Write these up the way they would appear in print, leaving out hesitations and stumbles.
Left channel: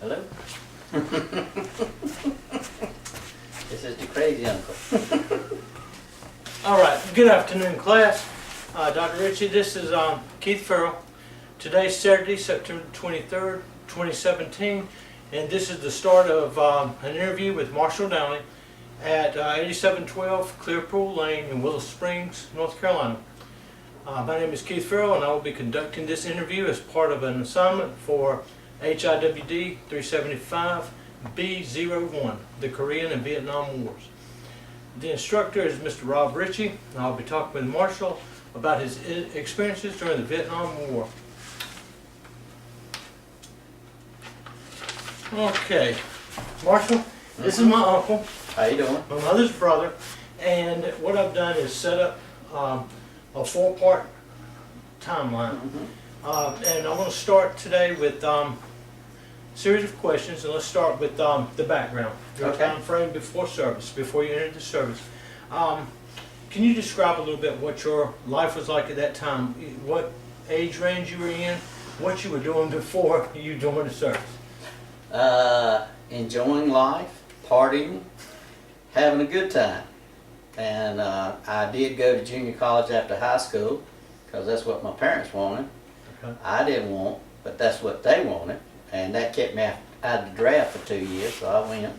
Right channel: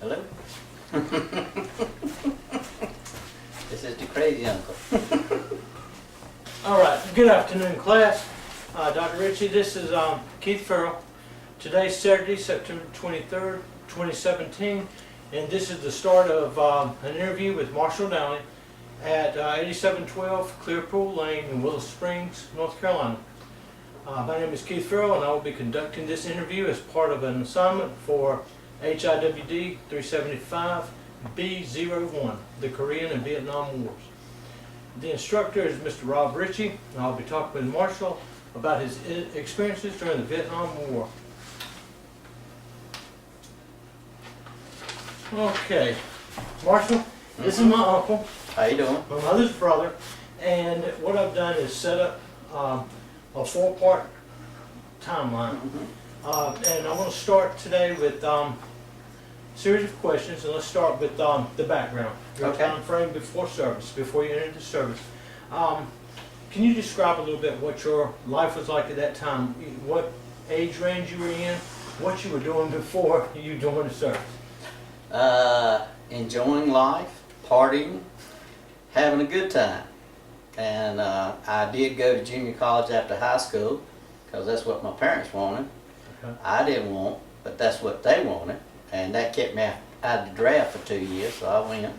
Hello? This is the crazy uncle. All right, good afternoon, class. Dr. Ritchie, this is Keith Farrell. Today's Saturday, September 23rd, 2017, and this is the start of an interview with Marshall Downey at 8712 Clearpool Lane in Willow Springs, North Carolina. My name is Keith Farrell, and I will be conducting this interview as part of an assignment for HIWD 375B01, the Korean and Vietnam Wars. The instructor is Mr. Rob Ritchie, and I'll be talking with Marshall about his experiences during the Vietnam War. Okay, Marshall, this is my uncle. How you doing? My mother's brother, and what I've done is set up a four-part timeline. And I want to start today with series of questions, and let's start with the background, your Okay. time frame before service, before you entered the service. Can you describe a little bit what your life was like at that time? What age range you were in? What you were doing before you joined the service? Enjoying life, partying, having a good time. And I did go to junior college after high school because that's what my parents wanted. Okay. I didn't want, but that's what they wanted. And that kept me out of the draft for 2 years, so I went,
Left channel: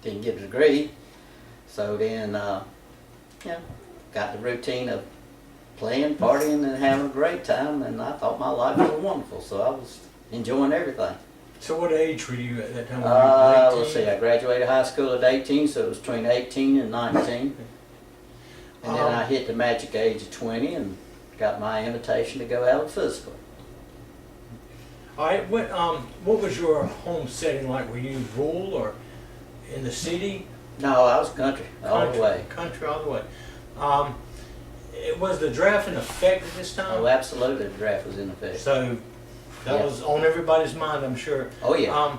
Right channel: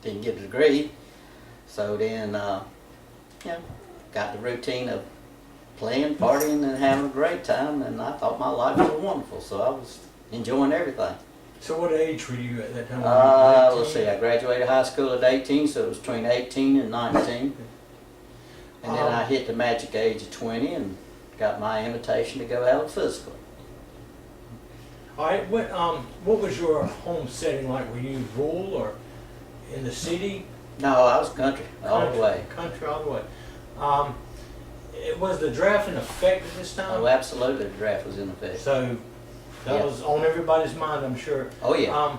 didn't get a degree. So then, got the routine of playing, partying, and having a great time, and I thought my life was wonderful, so I was enjoying everything. So what age were you at that time? Were you Let's 19? see, I graduated high school at 18, so it was between 18 and 19. And then I hit the magic age of 20 and got my invitation to go out physical. All right, what was your home setting like? Were you rural or in the city? No, I was country all the way. Country all the way. Was the draft in effect at this time? Oh, absolutely, the draft was in effect. So that was on everybody's mind, I'm sure. Oh, yeah.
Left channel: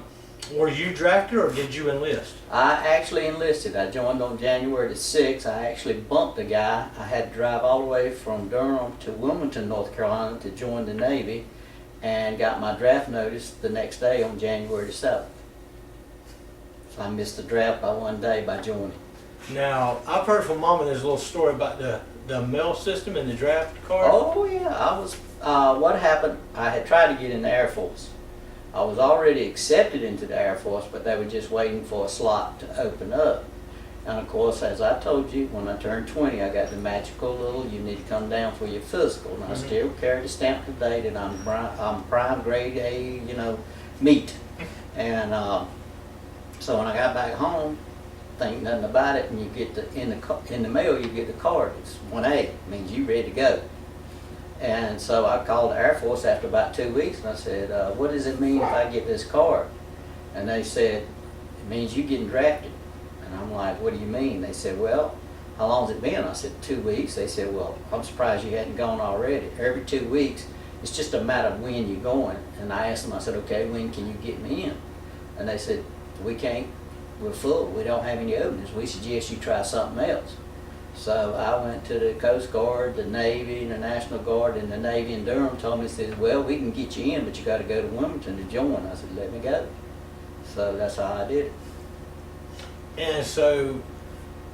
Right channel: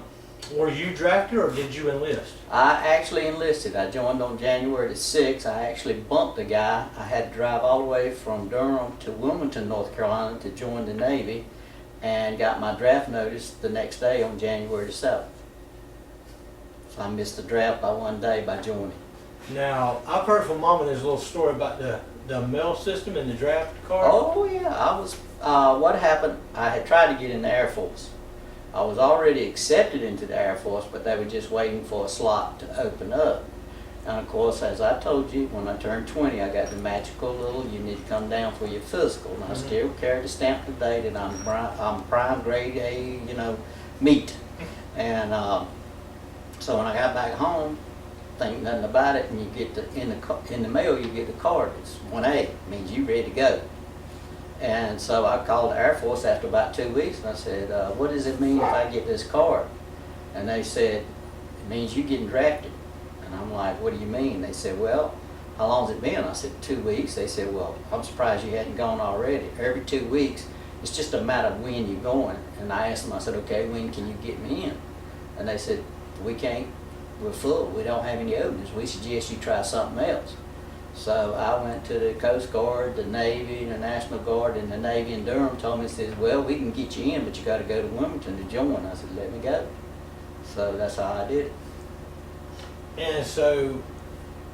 Were you drafted or did you enlist? I actually enlisted. I joined on January the 6th. I actually bumped a guy. I had to drive all the way from Durham to Wilmington, North Carolina to join the Navy, and got my draft notice the next day on January the 7th. So I missed the draft by 1 day by joining. Now, I've heard from Mama there's a little story about the mail system and the draft card. Oh yeah, I was, what happened, I had tried to get in the Air Force. I was already accepted into the Air Force, but they were just waiting for a slot to open up. And of course, as I told you, when I turned 20, I got the magical little, you need to come down for your physical. And I still carry the stamp today that I'm prime grade A, meat. And so when I got back home, think nothing about it, and you get in the mail, you get the card. It's 1A, means you ready to go. And so I called the Air Force after about 2 weeks, and I said, what does it mean if I get this card? And they said, it means you getting drafted. And I'm like, what do you mean? They said, well, how long's it been? I said, 2 weeks. They said, well, I'm surprised you hadn't gone already. Every 2 weeks, it's just a matter of when you're going. And I asked them, I said, okay, when can you get me in? And they said, we can't, we're full, we don't have any openings. We suggest you try something else. So I went to the Coast Guard, the Navy, the National Guard, and the Navy in Durham told me, says, well, we can get you in, but you got to go to Wilmington to join. I said, let me go. So that's how I did it. And so,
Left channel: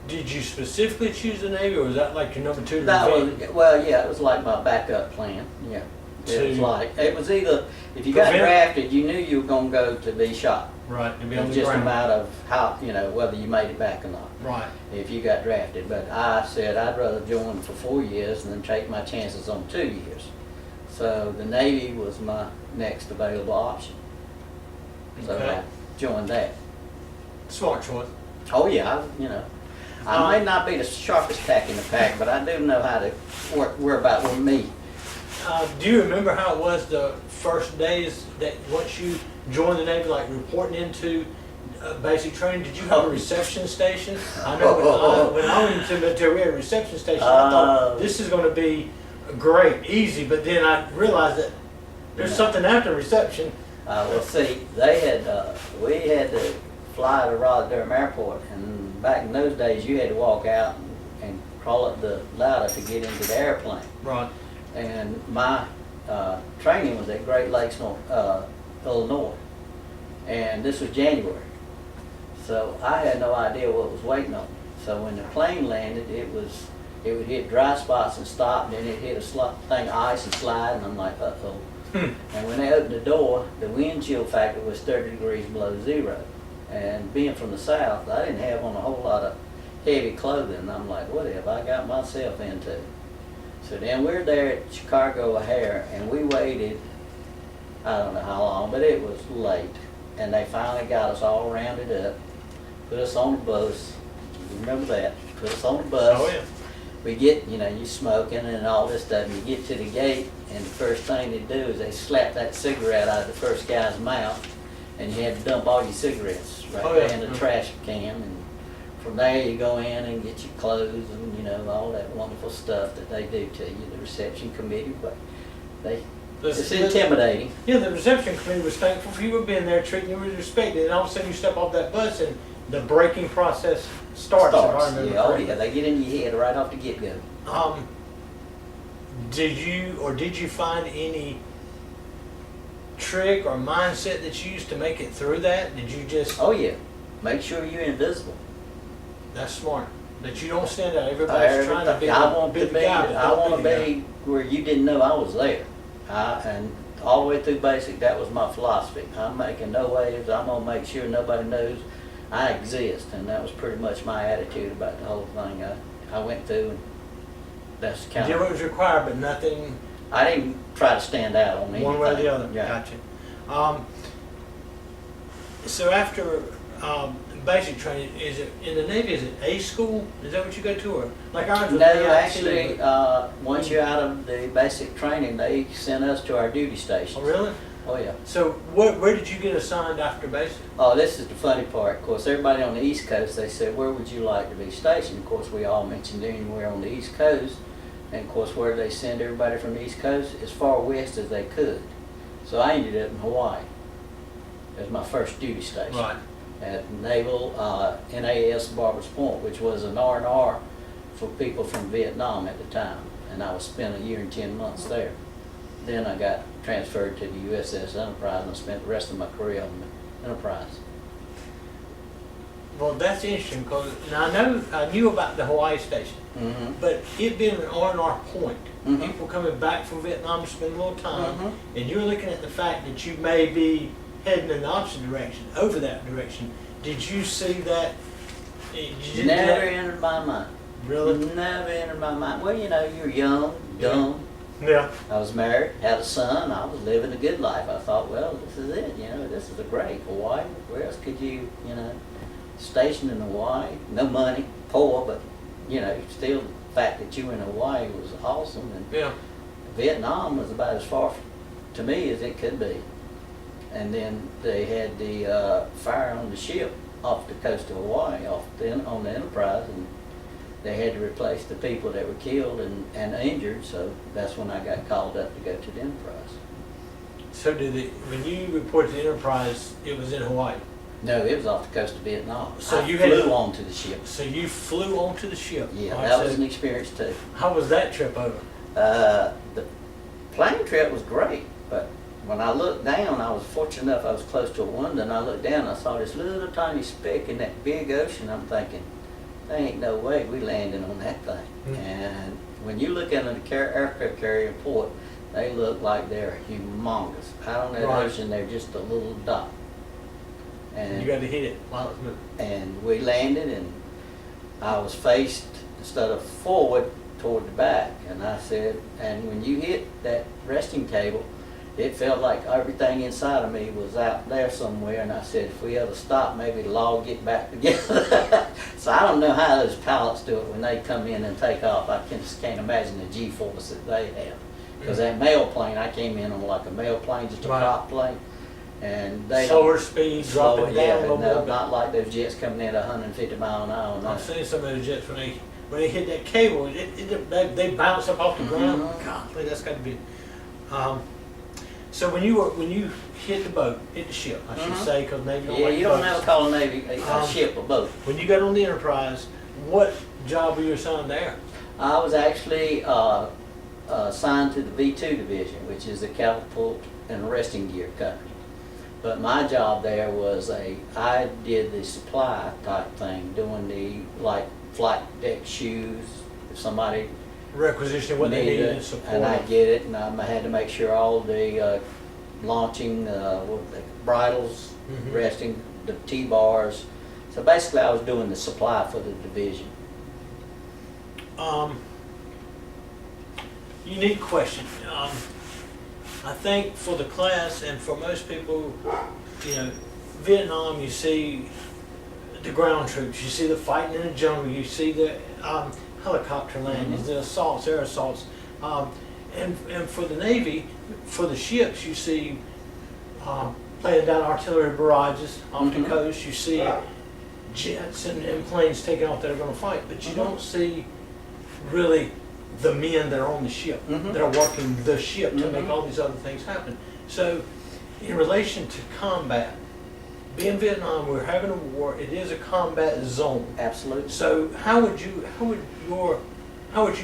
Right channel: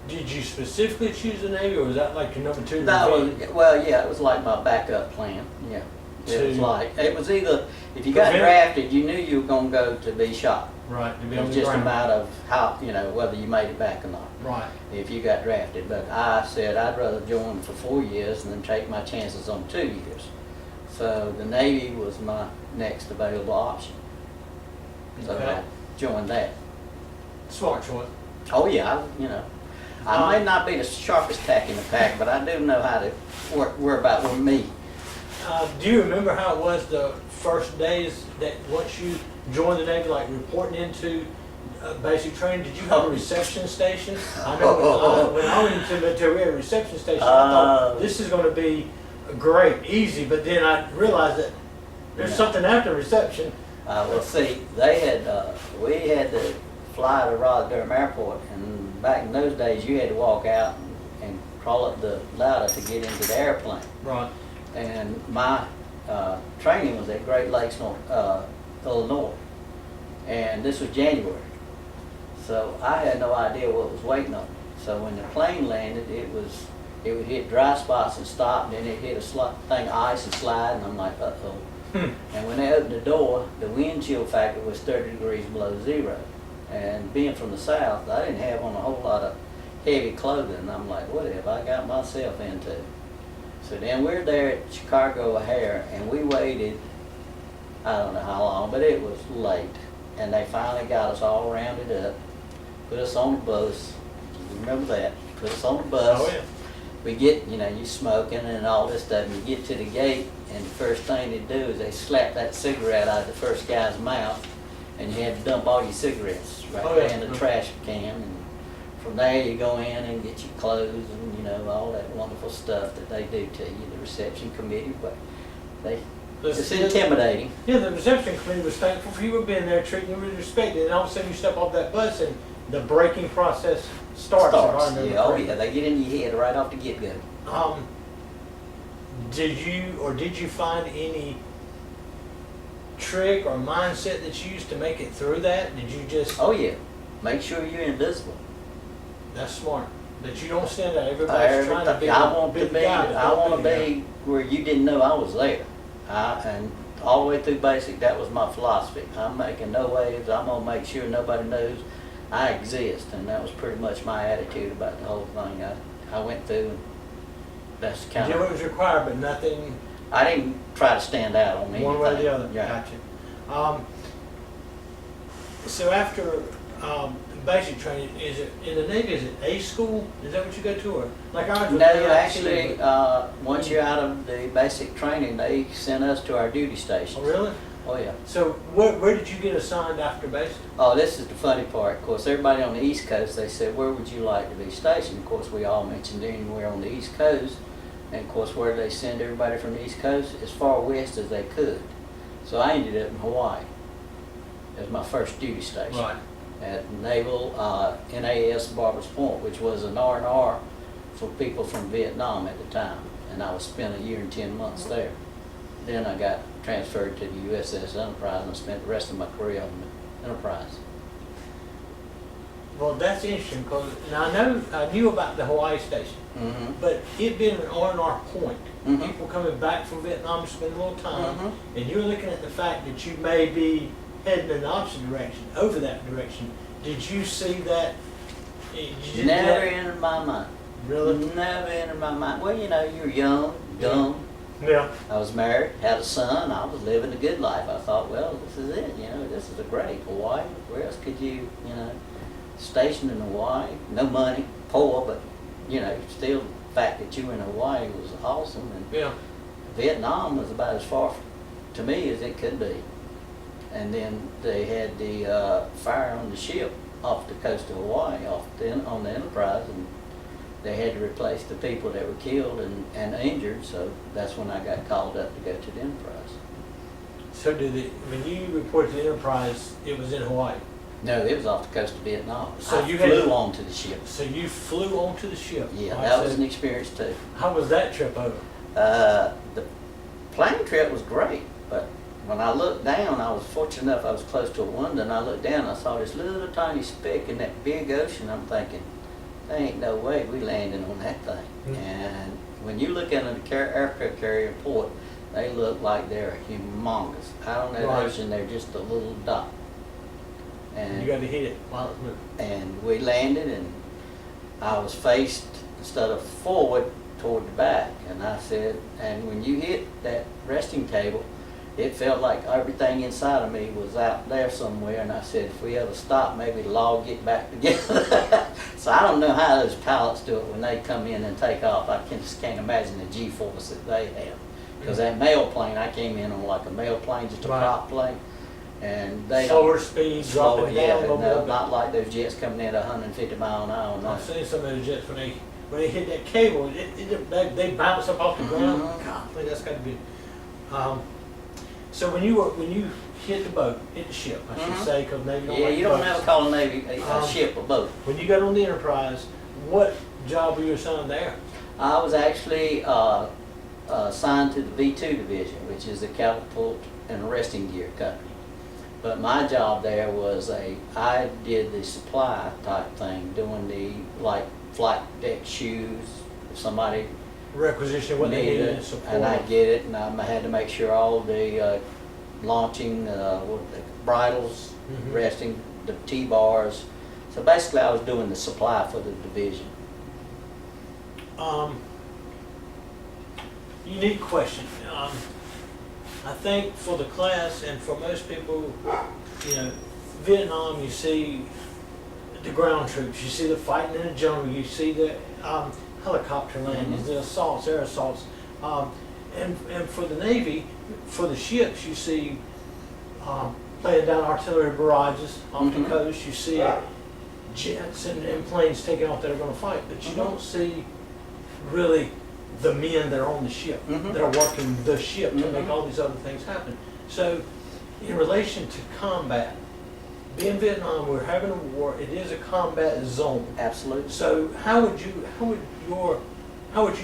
did you specifically choose the Navy, or was that like your number two? Well, yeah, it was like my backup plan. Yeah, it was either if you got drafted, you knew you were going to go to be shot. Right, to be It on was the just a ground. matter of how whether you made it back or not. Right. If you got drafted, but I said I'd rather join for 4 years than take my chances on 2 years. So the Navy was my next available option. So Okay. I joined that. Smart choice. Oh yeah, I may not be the sharpest tack in the pack, but I do know how to worry about with me. Do you remember how it was the first days that once you joined the Navy, like reporting into basic training? Did you have a reception station? I know when I went into the military, we had a reception station. I thought this is going to be great, easy, but then I realized that there's something after reception. Well, see, we had to fly to Raleigh-Durham Airport, and back in those days, you had to walk out and crawl up the ladder to get into the airplane. Right. And my training was at Great Lakes, Illinois. And this was January. So I had no idea what was waiting on me. So when the plane landed, it would hit dry spots and stop, and then it hit a thing of ice and slide, and I'm like, uh-oh. And when they opened the door, the wind chill factor was 30 degrees below zero. And being from the south, I didn't have on a whole lot of heavy clothing. And I'm like, what have I got myself into? So then we're there at Chicago O'Hare, and we waited, I don't know how long, but it was late. And they finally got us all rounded up, put us on the bus. You remember that? Put us on the bus. Oh, yeah. We get, you smoking and all this stuff, and you get to the gate, and the first thing they do is they slap that cigarette out of the first guy's mouth, and you had to dump all your cigarettes right there in the trash can. And from there, you go in and get your clothes and, all that wonderful stuff that they do to you, the reception committee, but it's intimidating. Yeah, the reception committee was thankful for you being there, treating you with respect, and all of a sudden you step off that bus and the braking process starts. If I remember correctly. They get in your head right off the get-go. Did you find any trick or mindset that you used to make it through that? Did you just? Oh yeah, make sure you're invisible. That's smart. That you don't stand out. Everybody's trying to be. I want to be where you didn't know I was there. And all the way through basic, that was my philosophy. I'm making no waves. I'm gonna make sure nobody knows I exist, and that was pretty much my attitude about the whole thing. I went through, and that's kind you of. did what was required, but nothing. I didn't try to stand out on anything. One way or the other. Yeah. Gotcha. So after basic training, is it in the Navy? Is it A school? Is that what you go to, or like ours? No, actually, once you're out of the basic training, they sent us to our duty stations. Oh, really? Oh, yeah. So where did you get assigned after basic? Oh, this is the funny part. Of course, everybody on the East Coast, they said, where would you like to be stationed? Of course, we all mentioned anywhere on the East Coast. And of course, where they send everybody from the East Coast, as far west as they could. So I ended up in Hawaii as my first duty station. Right. At Naval NAS Barbers Point, which was an R&R for people from Vietnam at the time. And I was spent a year and 10 months there. Then I got transferred to the USS Enterprise, and I spent the rest of my career on the Enterprise. Well, that's interesting, because I knew about the Hawaii station, but it being an R&R point, people coming back from Vietnam to spend a little time, and you're looking at the fact that you may be heading in the opposite direction, over that direction. Did you see that? Never entered my mind. Really? Never entered my mind. Well, you're young, dumb. Yeah. I was married, had a son. I was living a good life. I thought, well, this is it. This is a great Hawaii. Where else could you, stationed in Hawaii? No money, poor, but still the fact that you were in Hawaii was awesome. And yeah. Vietnam was about as far to me as it could be. And then they had the fire on the ship off the coast of Hawaii, on the Enterprise, and they had to replace the people that were killed and injured. So that's when I got called up to go to the Enterprise. So when you reported to the Enterprise, it was in Hawaii? No, it was off the coast of Vietnam. So I flew onto the ship. So you flew onto the ship? Yeah, that was an experience too. How was that trip over? The plane trip was great, but when I looked down, I was fortunate enough, I was close to a window, and I looked down and I saw this little tiny speck in that big ocean. I'm thinking, there ain't no way we landing on that thing. And when you look at an aircraft carrier port, they look like they're humongous. Out on that ocean, they're just a little dot. And you got to hit it while it's moving. And we landed, and I was faced, instead of forward, toward the back. And I said, and when you hit that resting table, it felt like everything inside of me was out there somewhere. And I said, if we ever stop, maybe it'll all get back together. So I don't know how those pilots do it when they come in and take off. I just can't imagine the G-force that they have. Because that mail plane, I came in on like a mail plane, just a prop plane. And they slower speed, dropping down a little bit. Not like those jets coming in at 150 miles an hour. No. I've seen some of those jets when they hit that cable, they bounce up off the ground. God, that's got to be. So when you hit the boat, hit the ship, I should say, because Navy don't like you don't ever call a Navy a ship a boat. When you got on the Enterprise, what job were you assigned there? I was actually assigned to the V2 division, which is the catapult and arresting gear company. But my job there was I did the supply type thing, doing the, like, flight deck shoes, if somebody Requisition what they needed and support. and I get it, and I had to make sure all the launching, what the bridles, Mhm. resting, the T-bars. So basically I was doing the supply for the division. Unique question. I think for the class and for most people, you know, Vietnam, you see the ground troops, you see the fighting in the jungle, you see the helicopter landings, the assaults, air assaults. And for the Navy, for the ships, you see laying down artillery barrages off the coast, you see jets and planes taking off that are going to fight, but you don't see really the men that are on the ship, that are working the ship to make all these other things happen. So in relation to combat, being Vietnam, we're having a war, it is a combat zone. Absolutely. So how would you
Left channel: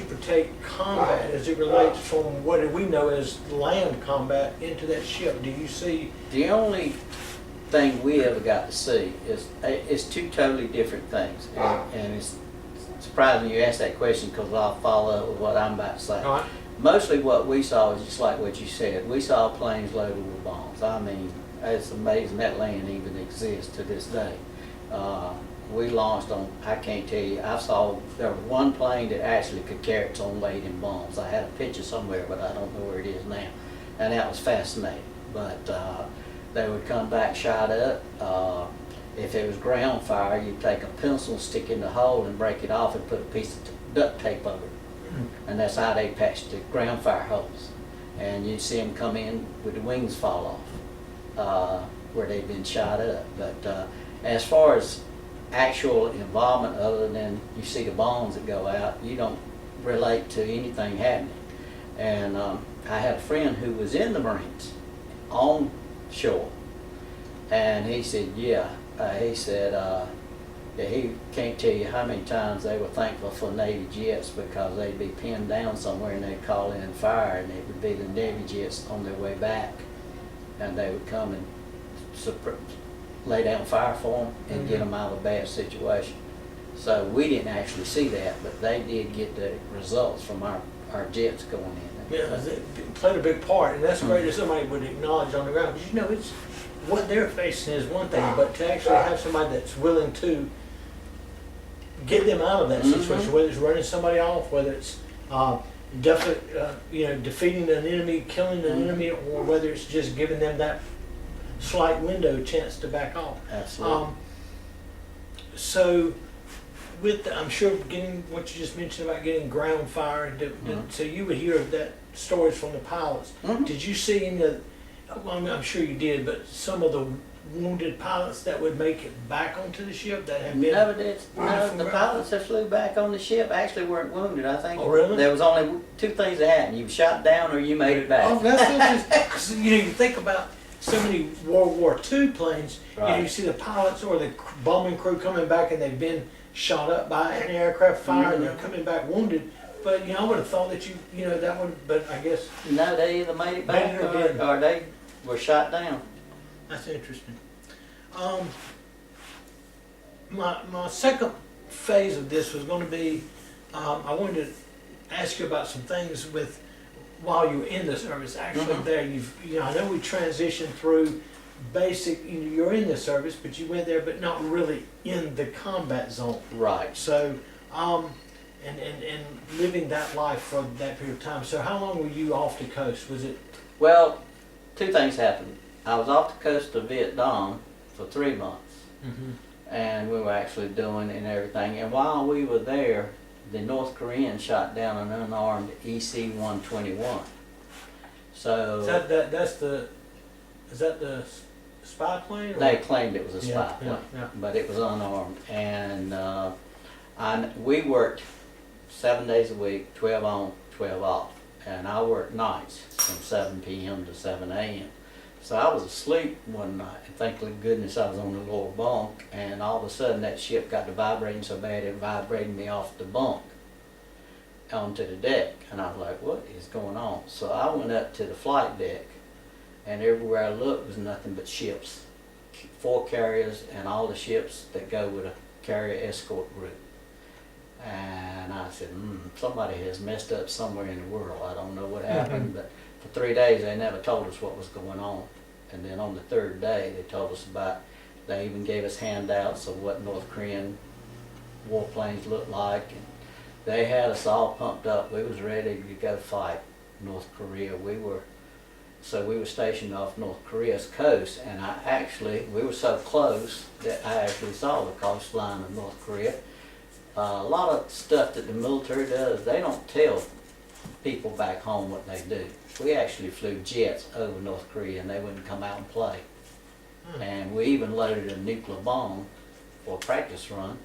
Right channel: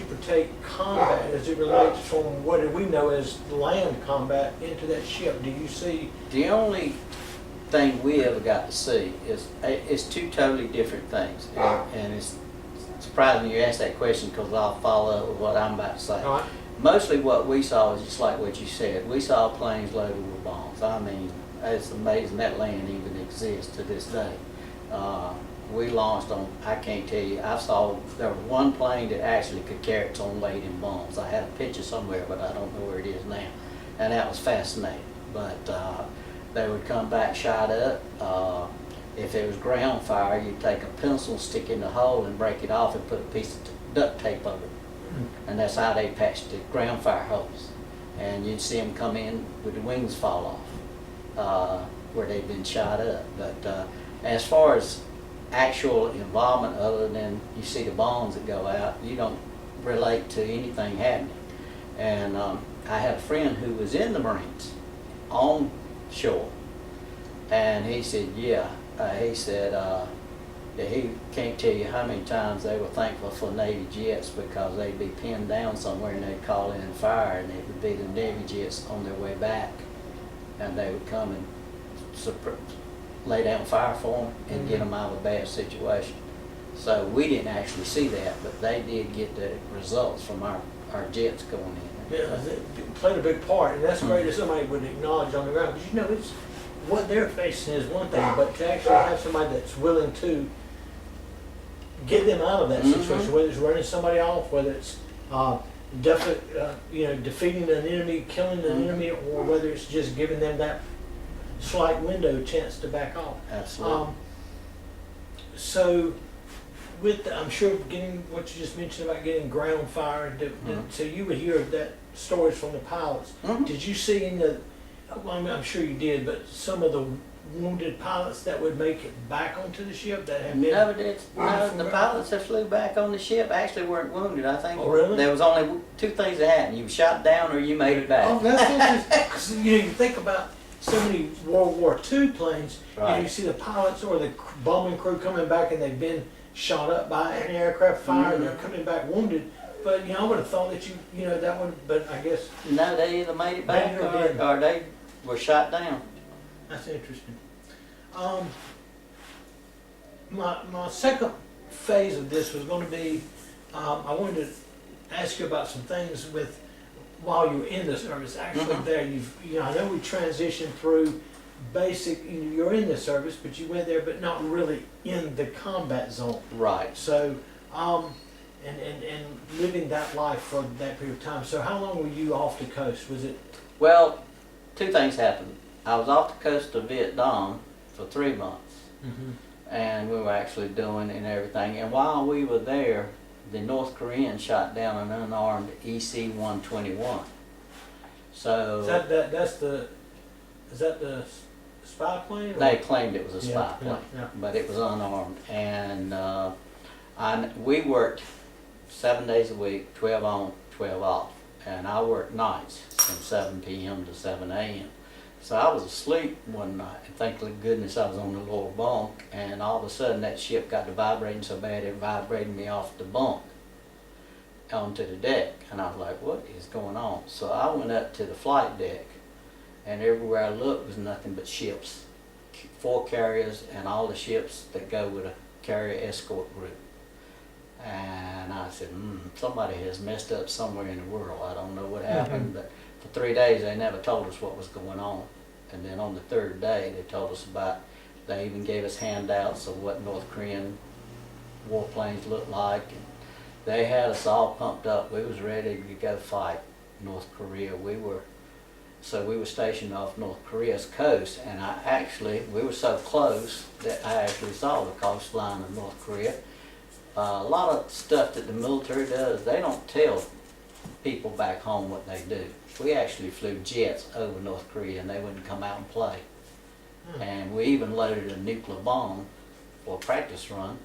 protect combat as it relates from what we know as land combat into that ship? Do you see? The only thing we ever got to see is two totally different things, and it's surprising you asked that question because I'll follow up with what I'm about to say. All right. Mostly what we saw is just like what you said. We saw planes loaded with bombs. I mean, it's amazing that land even exists to this day. We launched on, I can't tell you, I saw there was one plane that actually could carry its own weight in bombs. I had a picture somewhere, but I don't know where it is now. And that was fascinating. But they would come back shot up. If it was ground fire, you'd take a pencil, stick in the hole and break it off and put a piece of duct tape over it. And that's how they patched the ground fire holes. And you'd see them come in with the wings fall off where they'd been shot up. But as far as actual involvement, other than you see the bombs that go out, you don't relate to anything happening. And I had a friend who was in the Marines on shore, and he said, he said he can't tell you how many times they were thankful for Navy jets because they'd be pinned down somewhere and they'd call in and fire, and it would be the Navy jets on their way back, and they would come and lay down fire for them and get them out of a bad situation. So we didn't actually see that, but they did get the results from our jets going in. Yeah, it played a big part, and that's great if somebody would acknowledge on the ground, because you know, it's what they're facing is one thing, but to actually have somebody that's willing to get them out of that situation, whether it's running somebody off, whether it's defeating an enemy, killing an enemy, or whether it's just giving them that slight window chance to back off. Absolutely. So with, I'm sure getting what you just mentioned about getting ground fire, so you would hear that stories from the pilots. Did you see any of, well, I'm sure you did, but some of the wounded pilots that would make it back onto the ship that have been? No, the pilots that flew back on the ship actually weren't wounded, I think. Oh, really? There was only two things that happened. You were shot down or you made it back. Oh, that's interesting. 'Cause, you think about so many World War II planes, Right. you see the pilots or the bombing crew coming back and they've been shot up by an aircraft fire and they're coming back wounded. But I would have thought that that would, but I guess. No, they either made it back Made it or didn't. or they were shot down. That's interesting. My second phase of this was going to be, I wanted to ask you about some things with while you were in the service. Actually, there I know we transitioned through basic. You're in the service, but you went there, but not really in the combat zone. Right. So, and living that life for that period of time. So, how long were you off the coast? Was it? Well, two things happened. I was off the coast of Vietnam for 3 months, and we were actually doing and everything. And while we were there, the North Koreans shot down an unarmed EC-121. So Is that the spy plane? Or? they claimed it was a spy Yeah, plane, yeah. but it was unarmed. And we worked 7 days a week, 12 on, 12 off. And I worked nights from 7 p.m. to 7 a.m. So I was asleep one night, and thank goodness I was on the lower bunk, and all of a sudden that ship got to vibrating so bad it vibrated me off the bunk onto the deck. And I was like, what is going on? So I went up to the flight deck, and everywhere I looked was nothing but ships, 4 carriers, and all the ships that go with a carrier escort group. And I said, somebody has messed up somewhere in the world. I don't know what happened, but for 3 days they never told us what was going on. And then on the 3rd day they told us they even gave us handouts of what North Korean warplanes looked like. And they had us all pumped up. We was ready to go fight North Korea. We were stationed off North Korea's coast, and we were so close that I actually saw the coastline of North Korea. A lot of stuff that the military does, they don't tell people back home what they do. We actually flew jets over North Korea and they wouldn't come out and play. And we even loaded a nuclear bomb for a practice run.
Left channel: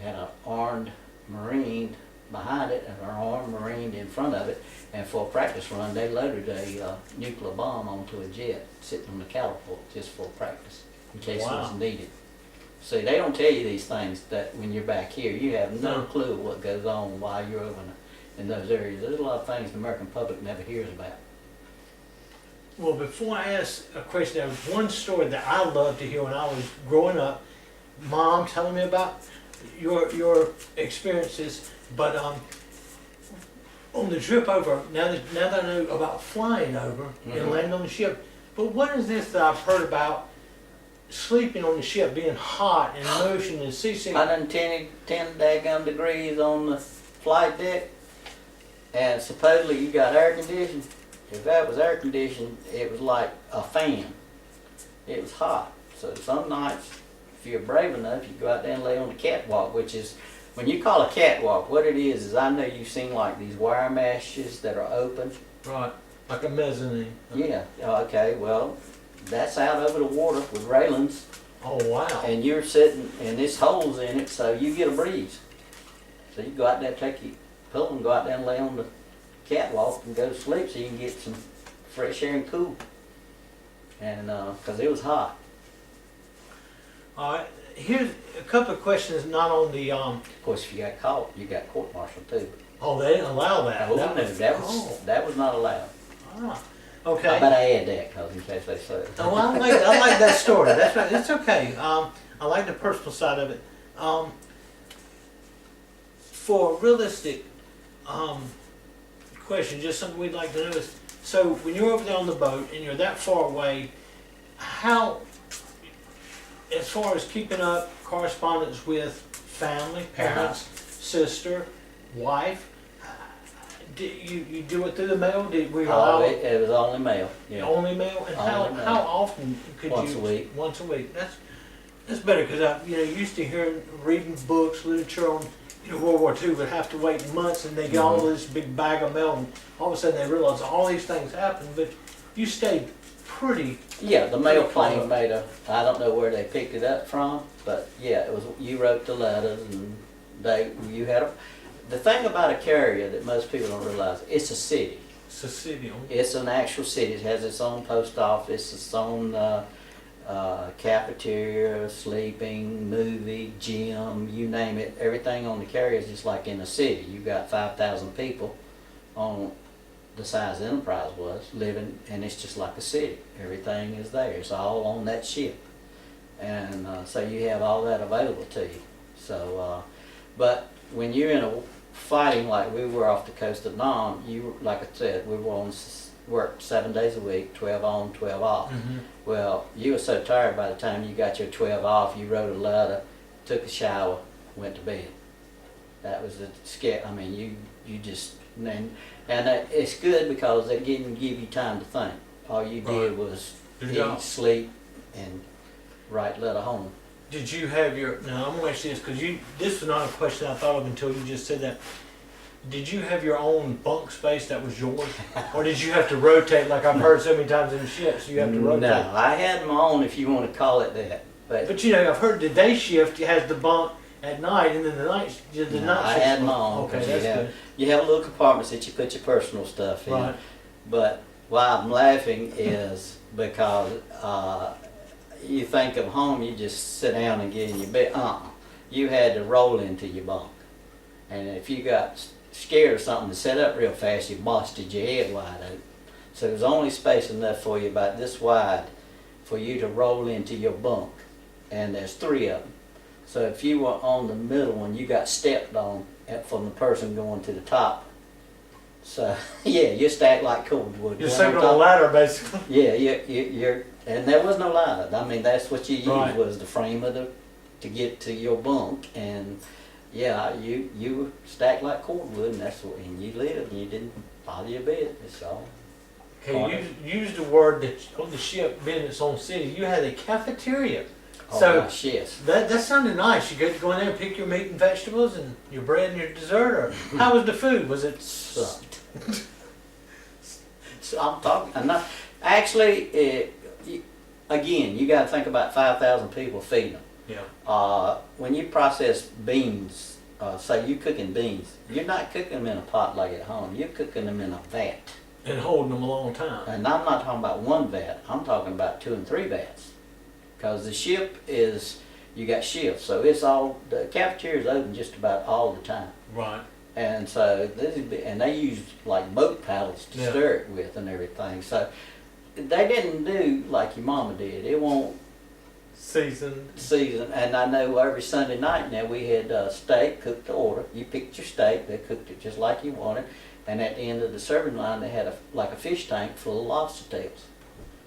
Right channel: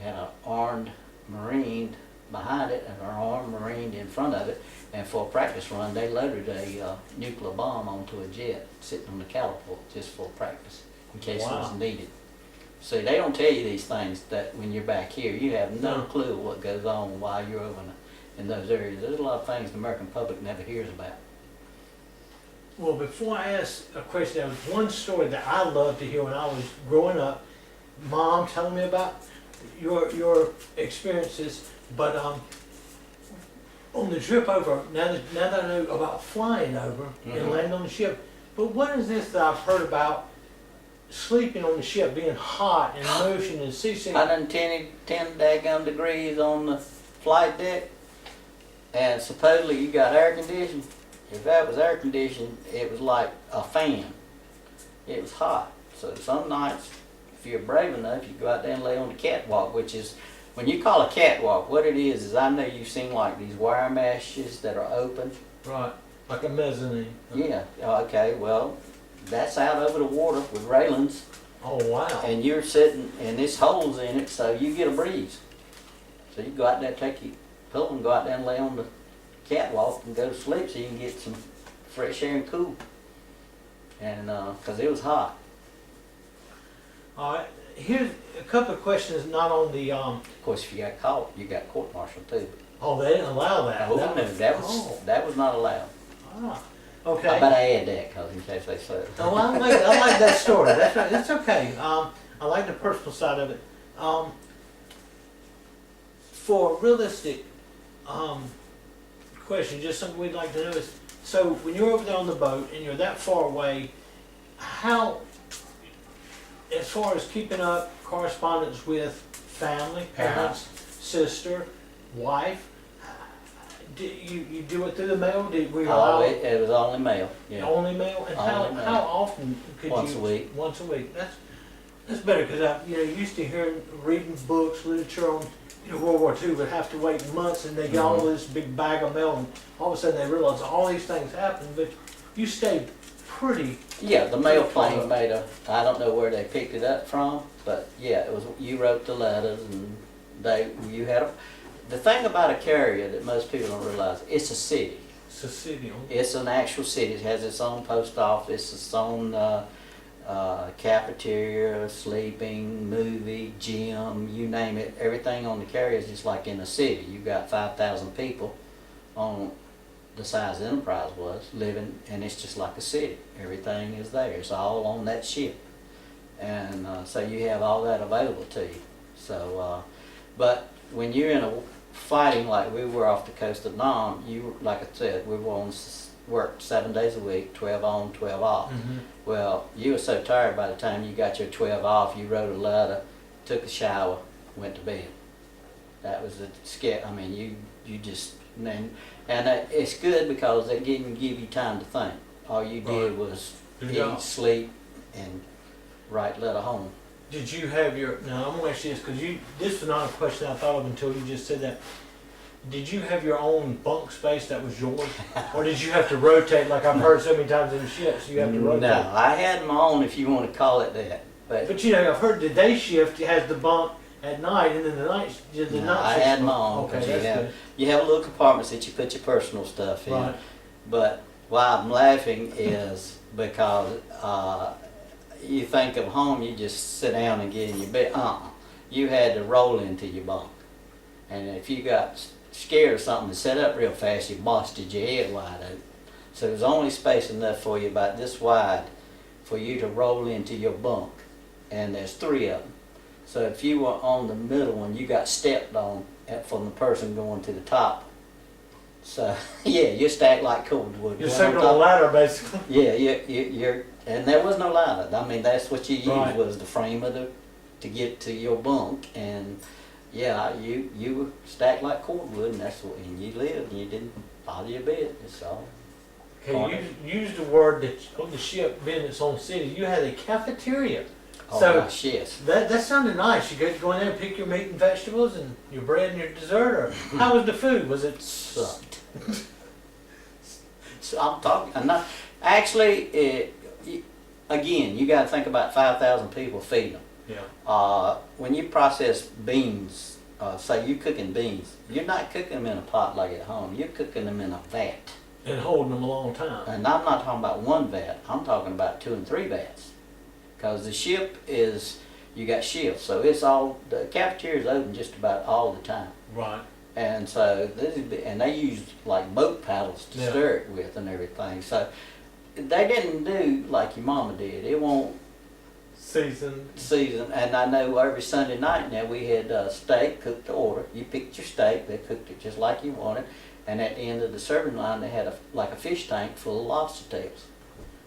Had an armed Marine behind it and an armed Marine in front of it. And for a practice run, they loaded a nuclear bomb onto a jet sitting on the catapult just for practice in case it was needed. See, they don't tell you these things that when you're back here, you have no clue what goes on while you're over in those areas. There's a lot of things the American public never hears about. Well, before I ask a question, there was one story that I loved to hear when I was growing up. Mom telling me about your experiences, but on the trip over, now that I know about flying over and landing on the ship, but what is this that I've heard about sleeping on the ship, being hot and motion and seasick? 110 daggum degrees on the flight deck, and supposedly you got air conditioning. If that was air conditioned, it was like a fan. It was hot. So some nights, if you're brave enough, you go out there and lay on the catwalk, which is, when you call a catwalk, what it is I know you've seen like these wire meshes that are open. Right, like a mezzanine. Yeah, okay, well, that's out over the water with railings. Oh, wow. And you're sitting, and there's holes in it, so you get a breeze. So you go out there, take your pillow and go out there and lay on the catwalk and go to sleep so you can get some fresh air and cool. And, because it was hot. All right, here's a couple of questions not on the, Of course, if you got caught, you got court-martialed too. Oh, they didn't allow that? Oh, no, that was not allowed. Ah, okay. I bet I add that, because in case they say it. Oh, I like that story. That's right. It's okay. I like the personal side of it. For a realistic question, just something we'd like to know is, so when you're over there on the boat and you're that far away, how, as far as keeping up correspondence with family, parents, sister, wife, you do it through the mail? Did we allow it? It was only mail. Yeah. Only mail? And Only mail. how often could Once you? a week. Once a week. That's better, because I used to hear reading books, literature on World War II would have to wait months and they get all this big bag of mail and all of a sudden they realize all these things happened, but you stayed pretty. Yeah, the mail plane made I don't know where they picked it up from, but yeah, it was, you wrote the letters and the thing about a carrier that most people don't realize, it's a city. It's a city. It's an actual city. It has its own post office, its own cafeteria, sleeping, movie, gym, you name it. Everything on the carrier is just like in a city. You got 5,000 people on the size Enterprise was living, and it's just like a city. Everything is there. It's all on that ship, and so you have all that available to you. So, but when you're in a fighting like we were off the coast of Nam, like I said, we were on work 7 days a week, 12 on, 12 off. Well, you were so tired by the time you got your 12 off, you wrote a letter, took a shower, went to bed. That was the scare. I mean, you just, and it's good because they didn't give you time to think. All you did was eat, sleep, and write letter home. Did you have your, now I'm going to ask you this, because this was not a question I thought of until you just said that. Did you have your own bunk space that was yours? Or did you have to rotate, like I've heard so many times in the ships, you have to rotate? No, I had my own, if you want to call it that. But I've heard the day shift has the bunk at night, and then the night shift. I had my own. Okay, that's good. You have little compartments that you put your personal stuff in. Right. But why I'm laughing is because you think of home, you just sit down and get in your bed. You had to roll into your bunk. And if you got scared or something and sat up real fast, you busted your head wide open. So there's only space enough for you about this wide for you to roll into your bunk. And there's 3 of them. So if you were on the middle one, you got stepped on from the person going to the top. So yeah, you're stacked like cordwood. You're sitting on a ladder, basically. Yeah, you're, and there was no ladder. I mean, that's what you used Right. was the frame of to get to your bunk, and yeah, you were stacked like cordwood, and that's what, and you lived, and you didn't bother your bed. It's all. Okay, you used the word that on the ship being its own city, you had a cafeteria. Oh So gosh, yes. that sounded nice. You get to go in there and pick your meat and vegetables and your bread and your dessert. Or how was the food? Was it Sucked. So I'm talking. I'm not actually. Again, you got to think about 5,000 people feeding them. Yeah. When you process beans, say you're cooking beans, you're not cooking them in a pot like at home. You're cooking them in a vat. And holding them a long time. And I'm not talking about 1 vat. I'm talking about 2 and 3 vats. Because the ship is, you got shifts, so it's all, the cafeteria is open just about all the time. Right. And so and they use like boat paddles to Yeah. stir it with and everything. So they didn't do like your mama did. It won't Seasoned. season. And I know every Sunday night now we had steak cooked to order. You picked your steak, they cooked it just like you wanted. And at the end of the serving line, they had like a fish tank full of lobster tails.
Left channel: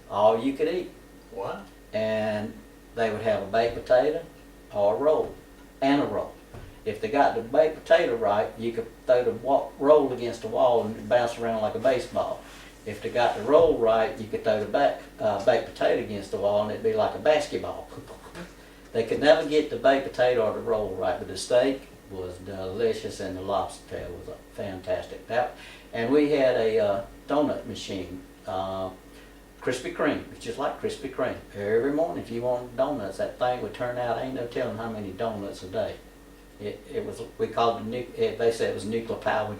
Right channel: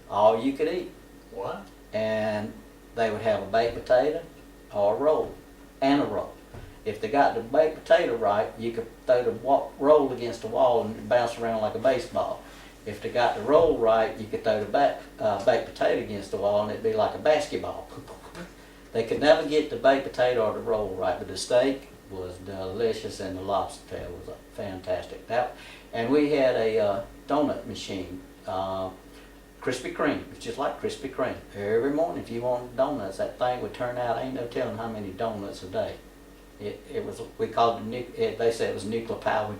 All you could eat. What? And they would have a baked potato or a roll, and a roll. If they got the baked potato right, you could throw the roll against the wall and bounce around like a baseball. If they got the roll right, you could throw the baked potato against the wall and it'd be like a basketball. They could never get the baked potato or the roll right, but the steak was delicious and the lobster tail was fantastic. And we had a donut machine. Krispy Kreme. It's just like Krispy Kreme. Every morning, if you wanted donuts, that thing would turn out. Ain't no telling how many donuts a day. It was. We called it. They said it was nuclear powered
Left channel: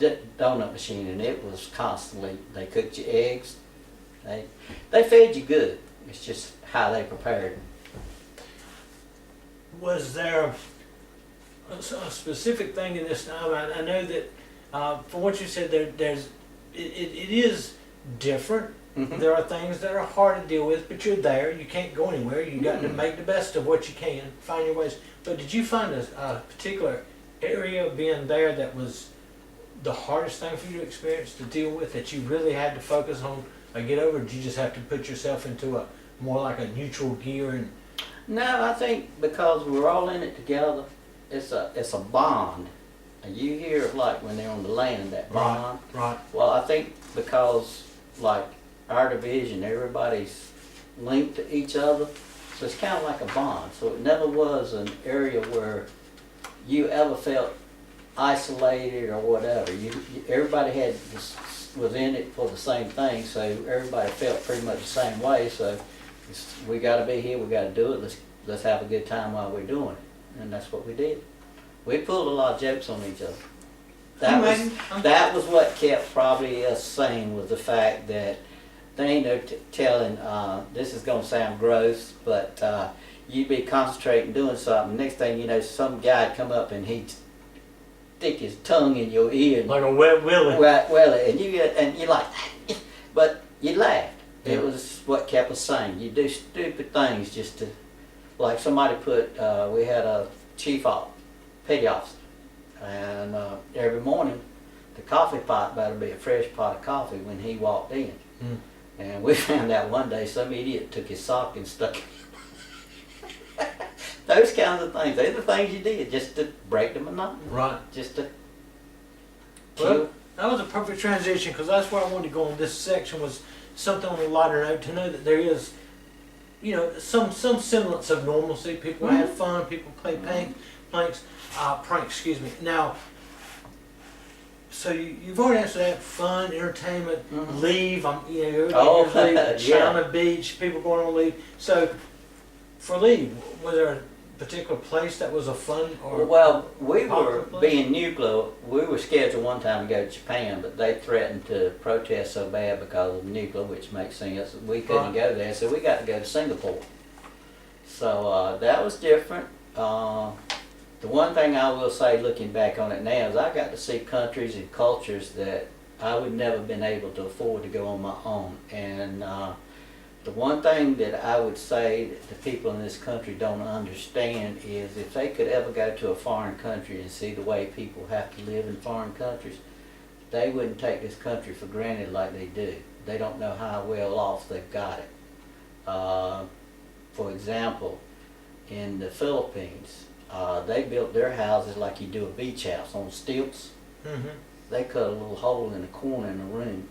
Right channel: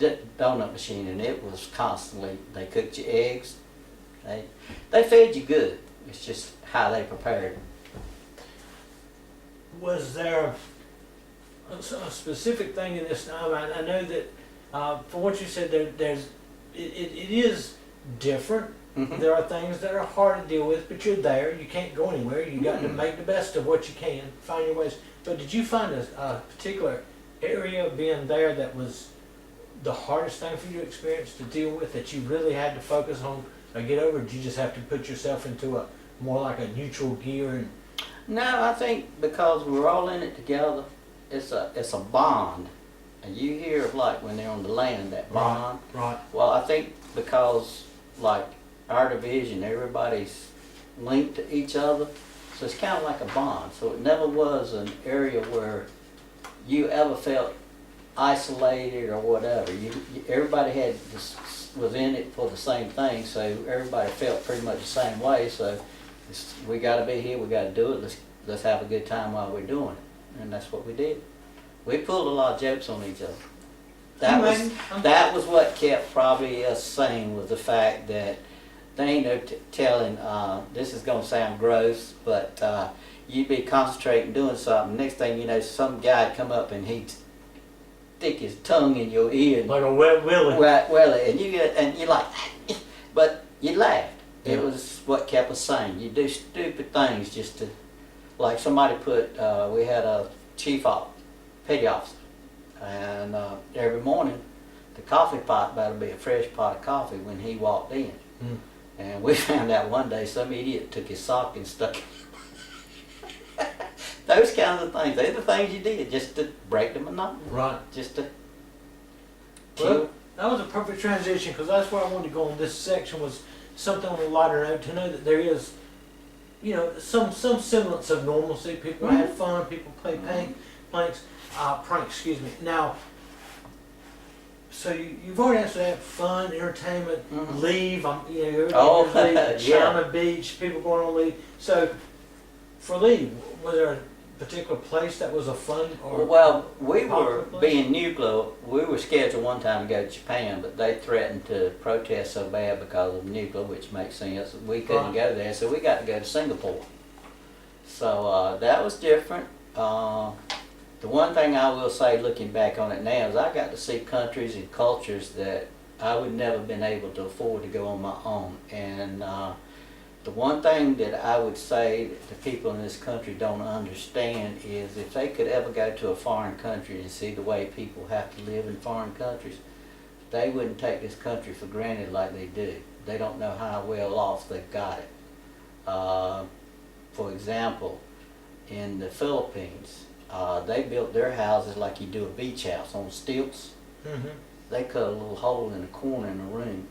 donut machine, and it was constantly. They cooked your eggs. They fed you good. It's just how they prepared. Was there a specific thing in this time? I know that from what you said, there's it is different. Mm-hmm. There are things that are hard to deal with, but you're there. You can't go anywhere. You got to make the best of what you can, find your ways. But did you find a particular area being there that was the hardest thing for you to experience, to deal with, that you really had to focus on or get over? Or did you just have to put yourself into a more like a neutral gear? And No, I think because we're all in it together, it's a bond. And you hear like when they're on the land, that bond. right. Well, I think because like our division, everybody's linked to each other, so it's kind of like a bond. So it never was an area where you ever felt isolated or whatever. Everybody was in it for the same thing, so everybody felt pretty much the same way. So we got to be here, we got to do it. Let's have a good time while we're doing it, and that's what we did. We pulled a lot of jokes on each other. That was what kept probably us sane, was the fact that they ain't no telling, this is going to sound gross, but you'd be concentrating doing something. Next thing you know, some guy'd come up and he'd stick his tongue in your ear. Like a wet willy. Wet willy. And you're like, but you laughed. Yeah. It was what kept us sane. You do stupid things just to, like somebody we had a petty officer, and every morning the coffee pot better be a fresh pot of coffee when he walked in. Mm. And we found out one day some idiot took his sock and stuck it. Those kinds of things. They're the things you did just to break the monotony. Right. Just to Well, kill. that was a perfect transition, because that's where I wanted to go in this section, was something on a lighter note, to know that there is, some semblance of normalcy. People have fun, people play pranks, excuse me. Now, so you've already answered that: fun, entertainment, leave. Everybody leave. China Beach, people going on leave. So, for leave, was there a particular place that was a fun or? Well, we popular were place? being nuclear. We were scheduled one time to go to Japan, but they threatened to protest so bad because of nuclear, which makes sense. We couldn't go there, so we got to go to Singapore. So that was different. The one thing I will say, looking back on it now, is I got to see countries and cultures that I would never been able to afford to go on my own. And the one thing that I would say that the people in this country don't understand is if they could ever go to a foreign country and see the way people have to live in foreign countries, they wouldn't take this country for granted like they do. They don't know how well off they've got it. For example, in the Philippines, they built their houses like you do a beach house on stilts. Mm-hmm. They cut a little hole in the corner in the room.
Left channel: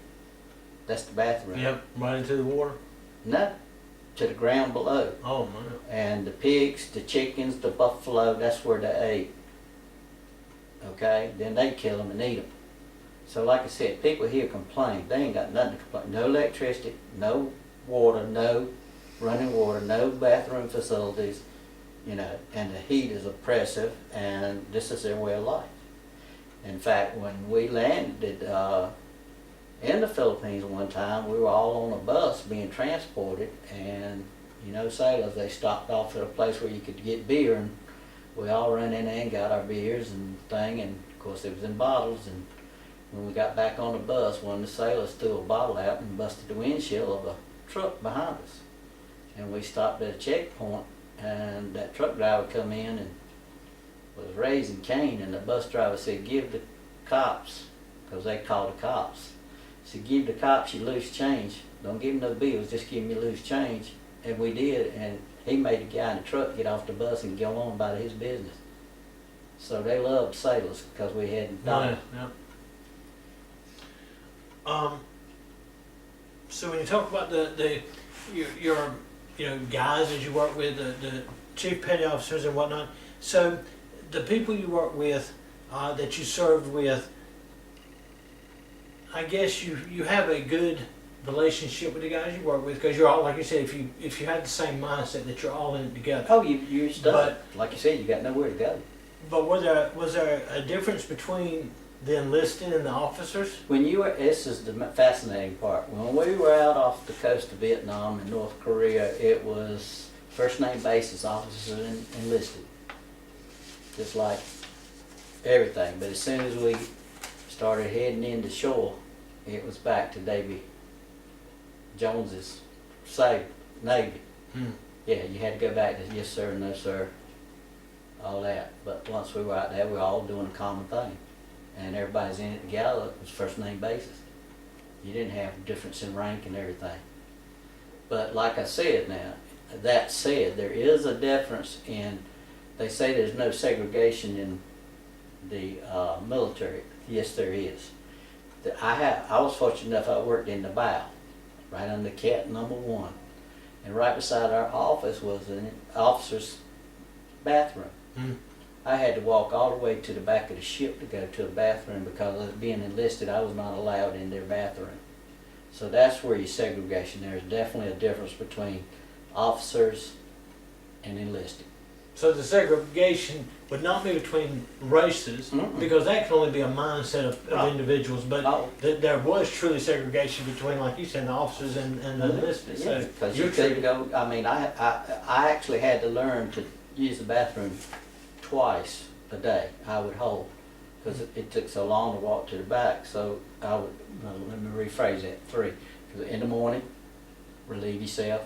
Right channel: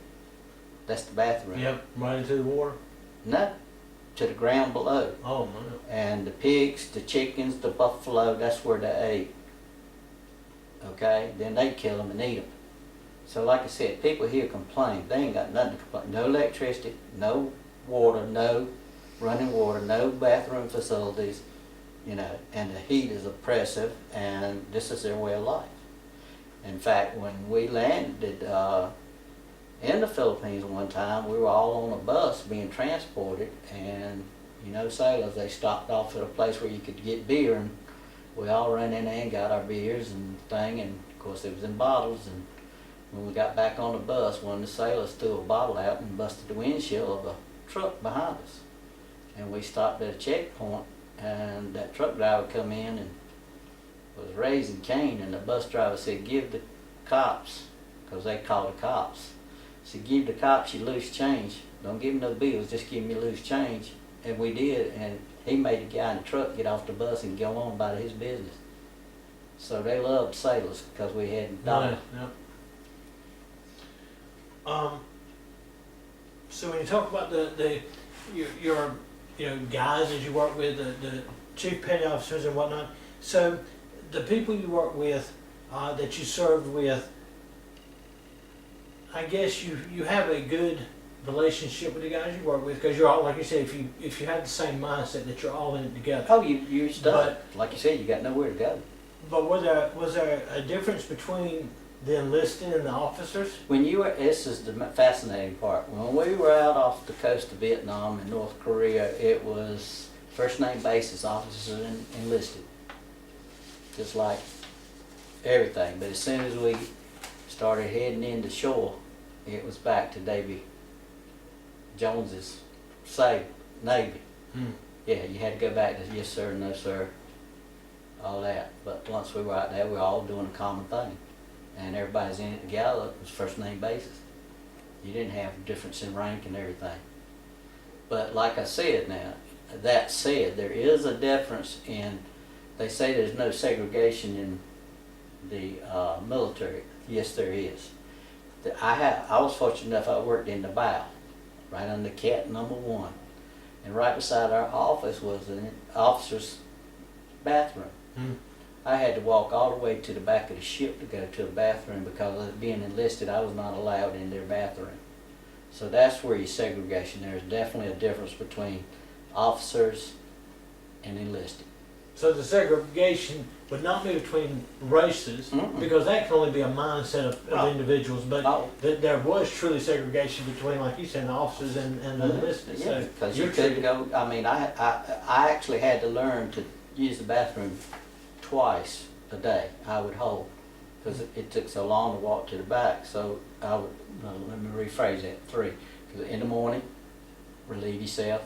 That's the bathroom. Yep, right into the water. No, to the ground below. Oh man. And the pigs, the chickens, the buffalo, that's where they ate. Okay, then they kill them and eat them. So like I said, people here complain. They ain't got nothing to complain. No electricity, no water, no running water, no bathroom facilities, you know, and the heat is oppressive, and this is their way of life. In fact, when we landed in the Philippines one time, we were all on a bus being transported, and you know, sailors, they stopped off at a place where you could get beer, and we all ran in there and got our beers and thing, and of course it was in bottles. And when we got back on the bus, one of the sailors threw a bottle out and busted the windshield of a truck behind us. And we stopped at a checkpoint, and that truck driver come in and was raising Cain, and the bus driver said, "Give the cops," because they called the cops. He said, "Give the cops your loose change. Don't give them no bills, just give them your loose change." And we did, and he made the guy in the truck get off the bus and go on about his business. So they loved sailors because we had dollars. Yeah. So when you talk about your guys that you work with, the chief petty officers and whatnot, so the people you work with, that you served with, I guess you have a good relationship with the guys you work with, because you're all, like you said, if you had the same mindset that you're all in it together. Oh, you're stuck. Like you said, you got nowhere to go. But was there a difference between the enlisted and the officers? When you were, this is the fascinating part. When we were out off the coast of Vietnam and North Korea, it was first name basis, officers and enlisted, just like everything. But as soon as we started heading into shore, it was back to Davy Jones's Navy. Yeah, you had to go back to yes sir, no sir, all that. But once we were out there, we were all doing a common thing, and everybody's in it together. It was first name basis. You didn't have difference in rank and everything. But like I said, now that said, there is a difference in. They say there's no segregation in the military. Yes, there is. I was fortunate enough. I worked in the bow, right under cat number 1, and right beside our office was an officer's bathroom. I had to walk all the way to the back of the ship to go to a bathroom because of being enlisted, I was not allowed in their bathroom. So that's where your segregation. There's definitely a difference between officers and enlisted. So the segregation would not be between races, because that can only be a mindset of individuals, but there was truly segregation between, like you said, the officers and the enlisted. Yeah, because you couldn't go, I mean, I actually had to learn to use the bathroom twice a day, I would hold, because it took so long to walk to the back. So I would, let me rephrase that, 3. Because in the morning, relieve yourself,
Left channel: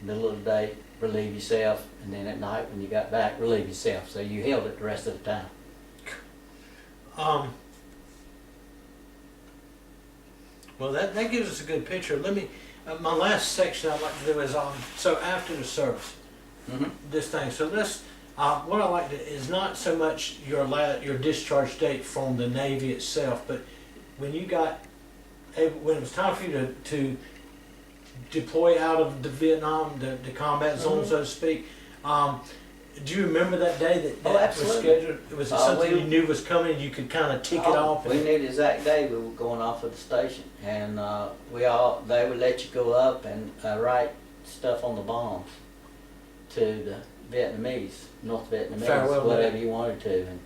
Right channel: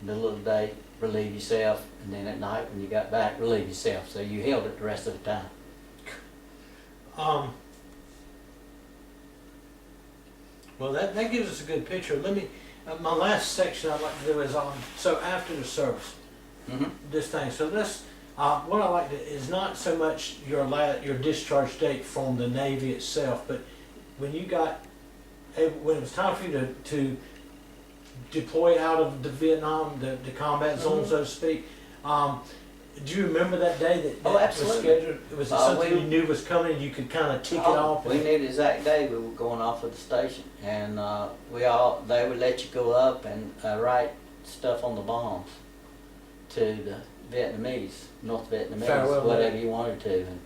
middle of the day, relieve yourself, and then at night when you got back, relieve yourself. So you held it the rest of the time. Well, that gives us a good picture. Let me, my last section I'd like to do is so after the service, this thing. So this, what I like to is not so much your discharge date from the Navy itself, but when you got, when it was time for you to deploy out of the Vietnam, the combat zone, so to speak. Do you remember that day that was scheduled? Was it something you knew was coming and you could kind of tick it off? We knew the exact day we were going off of the station, and they would let you go up and write stuff on the bombs to the Vietnamese, North Vietnamese, farewell, whatever you wanted to. And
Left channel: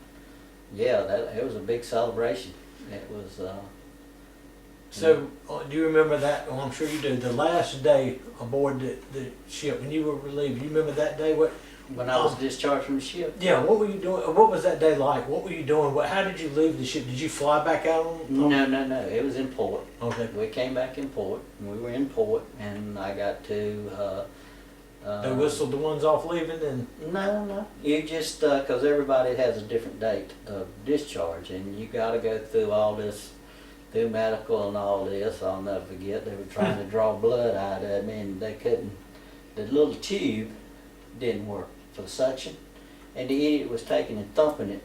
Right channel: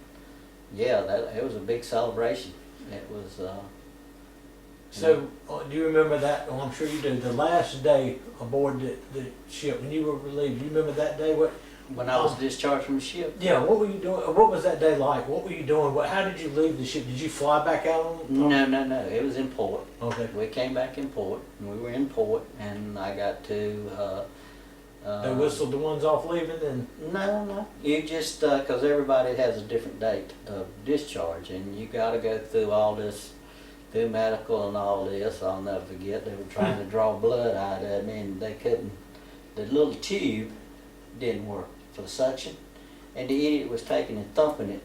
yeah, it was a big celebration. It was. So, do you remember that? Well, I'm sure you do. The last day aboard the ship when you were relieved, you remember that day? when I was discharged from the ship. Yeah, what were you doing? What was that day like? What were you doing? How did you leave the ship? Did you fly back out on? No. It was in port. Okay. We came back in port, and we were in port, and I got to. They whistled the ones off leaving, and No. You just because everybody has a different date of discharge, and you got to go through all this, through medical and all this. I'll never forget. They were trying to draw blood out of me, and they couldn't. The little tube didn't work for the suction, and the idiot was taking and thumping it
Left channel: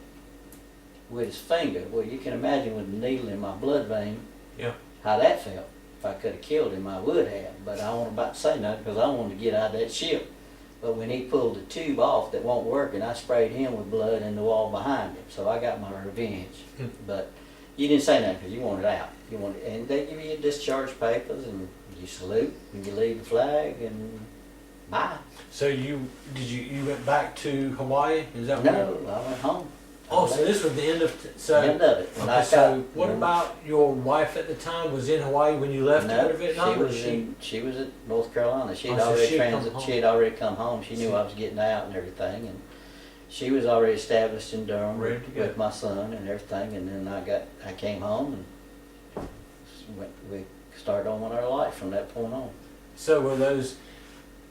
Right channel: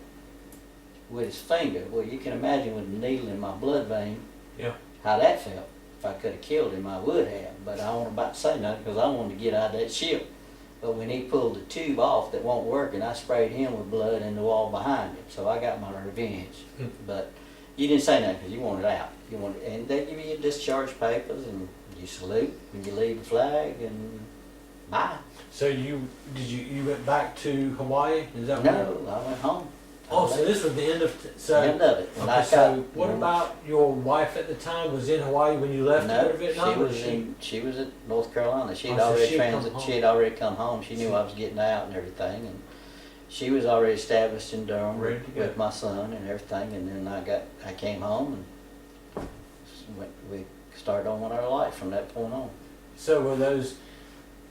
with his finger. Well, you can imagine with a needle in my blood vein, yeah, how that felt. If I could have killed him, I would have, but I wasn't about to say nothing because I wanted to get out of that ship. But when he pulled the tube off that won't work, and I sprayed him with blood in the wall behind him, so I got my revenge. But you didn't say nothing because you wanted out. And they give you your discharge papers, and you salute, and you leave the flag, and bye. So you went back to Hawaii? Is that No, where? I went home. Oh, so this was the end of End of it. When Okay, I so got- what about your wife at the time? Was in Hawaii when you left to go No, to Vietnam? or she was at North Carolina. She had Oh, so already she had come home. she had already come home. She knew I was getting out and everything, and she was already established in Durham Ready to go. with my son and everything. And then I came home and we started on our life from that point on. So were those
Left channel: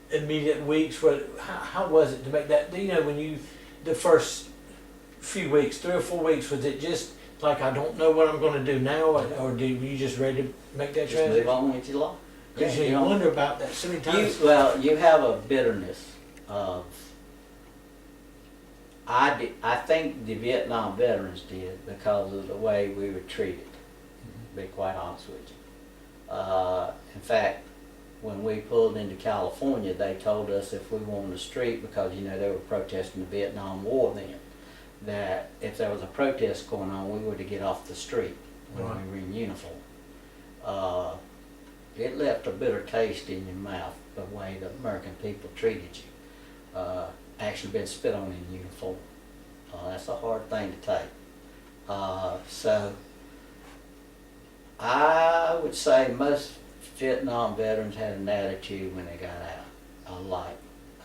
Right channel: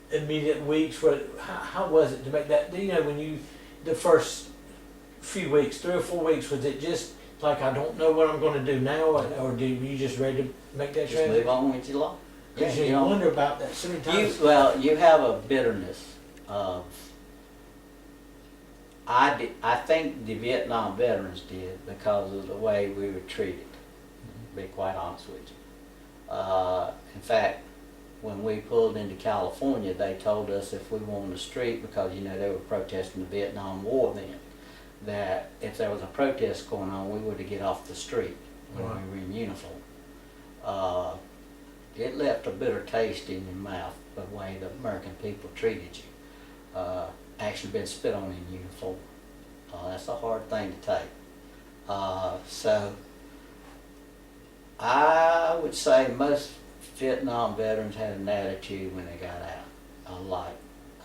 immediate weeks? How was it to make that? You know, the first few weeks, 3 or 4 weeks, was it just like I don't know what I'm going to do now, or were you just ready to make that Just transition? move on with your life. Because you know, wonder about that so many times. you have a bitterness of. I think the Vietnam veterans did because of the way we were treated. To be quite honest with you. In fact, when we pulled into California, they told us if we were on the street, because they were protesting the Vietnam War then, that if there was a protest going on, we were to get off the street when Right. we were in uniform. It left a bitter taste in your mouth the way the American people treated you. Actually been spit on in uniform. That's a hard thing to take. So I would say most Vietnam veterans had an attitude when they got out.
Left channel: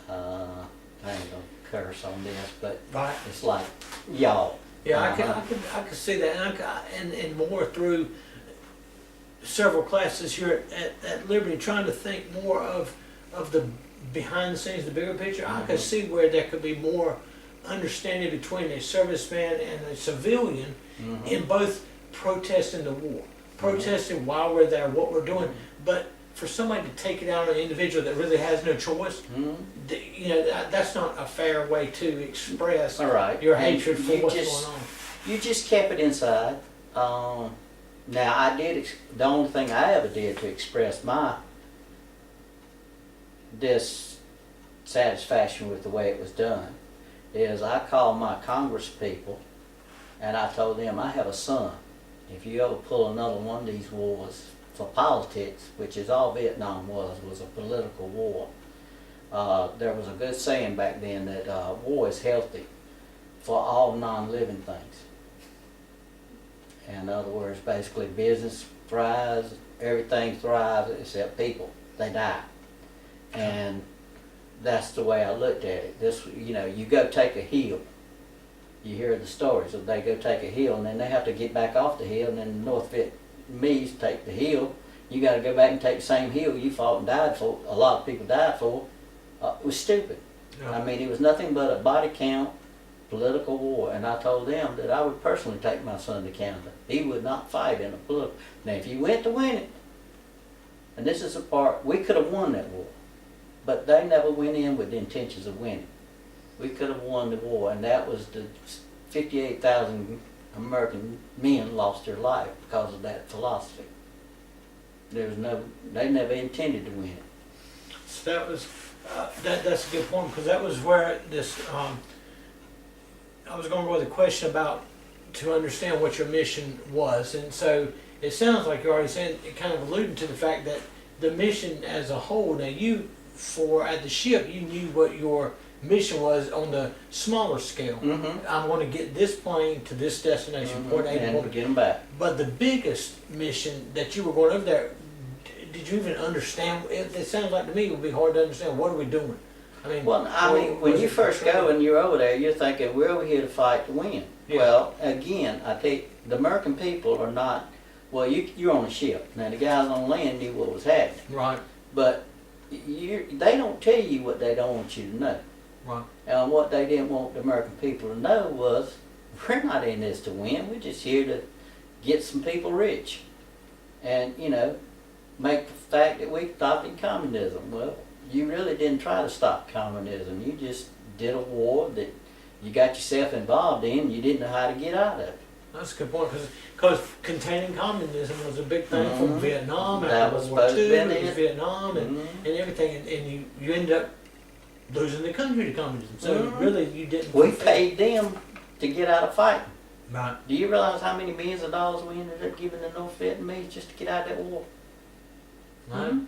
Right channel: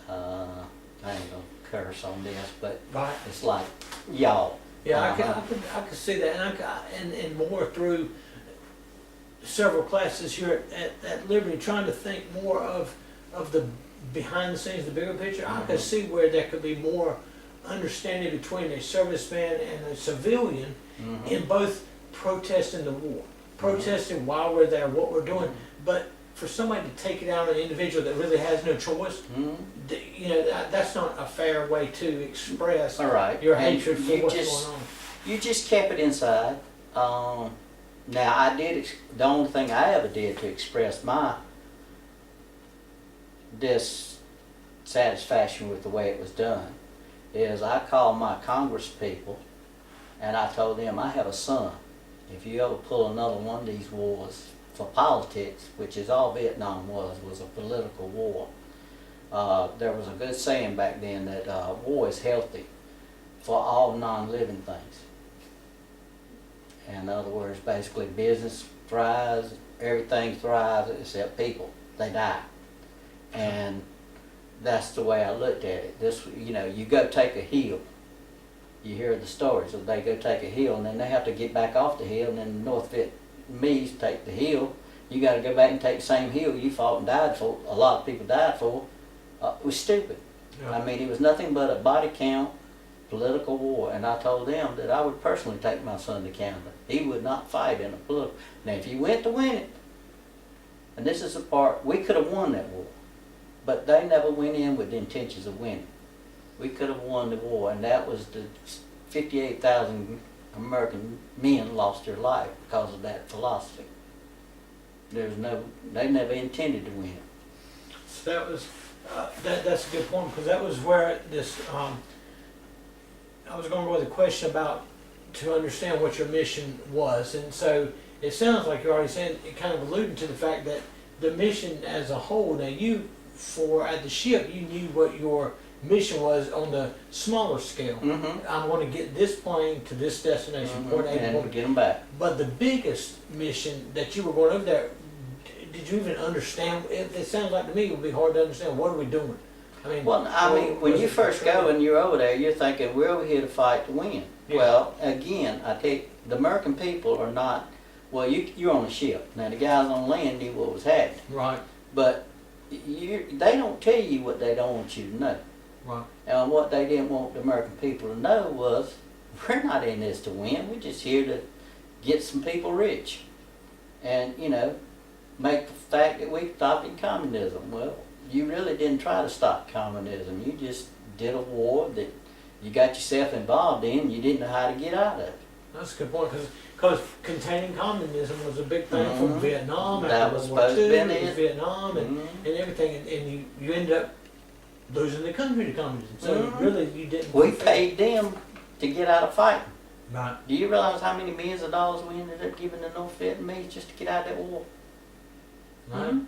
I ain't gonna curse on this, but Right. it's like y'all. Yeah, Uh-huh. I could see that, and more through several classes here at Liberty, trying to think more of the behind the scenes, the bigger picture. I could see where there could be more understanding between a serviceman and a civilian in both protesting the war, protesting while we're there, what we're doing, but for somebody to take it out on an individual that really has no choice, that's not a fair way to express All right. your And hatred for you what's just- going on. You just kept it inside. Now I did. The only thing I ever did to express my dissatisfaction with the way it was done is I called my Congress people and I told them I have a son. If you ever pull another one of these wars for politics, which is all Vietnam was a political war. There was a good saying back then that war is healthy for all non-living things. In other words, basically business thrives, everything thrives except people. They die. And that's the way I looked at it. You go take a hill. You hear the stories of they go take a hill and then they have to get back off the hill, and then the North Vietnamese take the hill. You got to go back and take the same hill you fought and died for. A lot of people died for. It was stupid. Yeah. I mean, it was nothing but a body count political war, and I told them that I would personally take my son to Canada. He would not fight in a political. Now, if you went to win it, and this is the part, we could have won that war, but they never went in with the intentions of winning. We could have won the war, and that was the 58,000 American men lost their life because of that philosophy. They never intended to win it. So that was that's a good point, because that was where this I was going to go with a question about to understand what your mission was, and so it sounds like you're already saying, it kind of alluding to the fact that the mission as a whole. Now at the ship, you knew what your mission was on the smaller scale. I want to get this plane to this destination, point A to And point get them back. But the biggest mission that you were going over there, did you even understand? It sounds like to me it would be hard to understand. What are we doing? I mean, Well, I mean, when was you it first portrayed? go and you're over there, you're thinking, we're over here to fight to win. Yeah. Well, again, I take, the American people are not, well, you're on a ship. Now, the guys on land knew what was happening. Right, But they don't tell you what they don't want you to know. right. And what they didn't want the American people to know was, we're not in this to win. We're just here to get some people rich. And, you know, make the fact that we stopped in communism. Well, you really didn't try to stop communism. You just did a war that you got yourself involved in and you didn't know how to get out of it. That's a good point, because containing communism was a big thing from Mhm. Vietnam, That after was World War supposed to II, be it was it. Vietnam Mhm. and everything, and you ended up losing the country to communism. So Mhm. really, you didn't. We paid them to get out of fighting. Right. Do you realize how many millions of dollars we ended up giving the North Vietnamese just to get out of that war? Right. Mhm.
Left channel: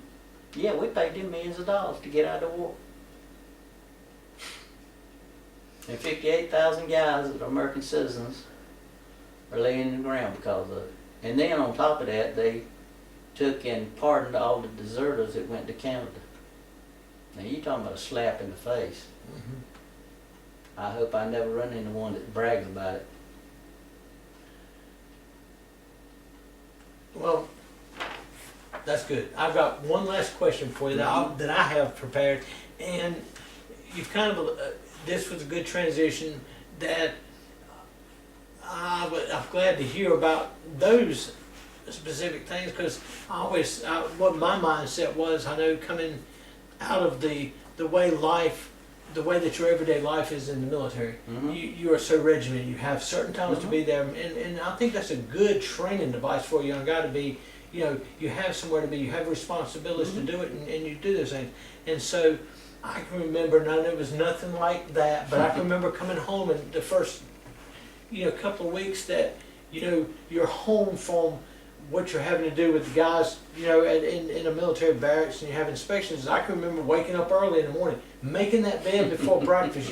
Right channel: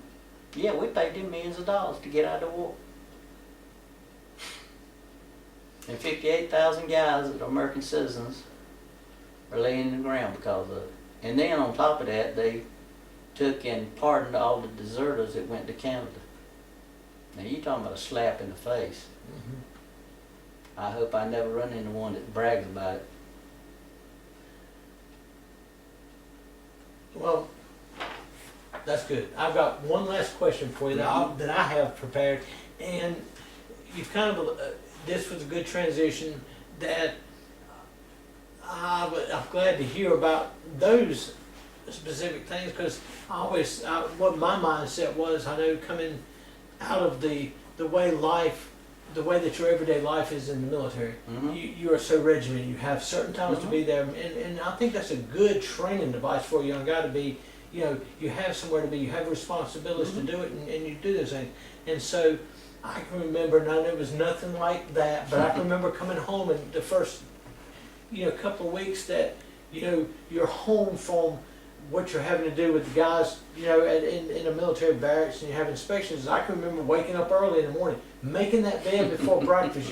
Yeah, we paid them millions of dollars to get out of the war. And 58,000 guys that are American citizens are laying in the ground because of it. And then on top of that, they took and pardoned all the deserters that went to Canada. Now you talking about a slap in the face. Mhm. I hope I never run into one that brags about it. Well, that's good. I've got one last question for you that I have prepared, and you've kind of this was a good transition. That I'm glad to hear about those specific things, because what my mindset was, I know coming out of the way life, the way that your everyday life is in the military, Mhm. you are so regimented. You have certain times to be there, and I think that's a good training device for a young guy to be. You know, you have somewhere to be, you have responsibilities to do it, and you do those things. And so I can remember, and I know it was nothing like that, but I can remember coming home and the first, couple of weeks that, you're home from what you're having to do with the guys, in a military barracks, and you have inspections. I can remember waking up early in the morning, making that bed before breakfast,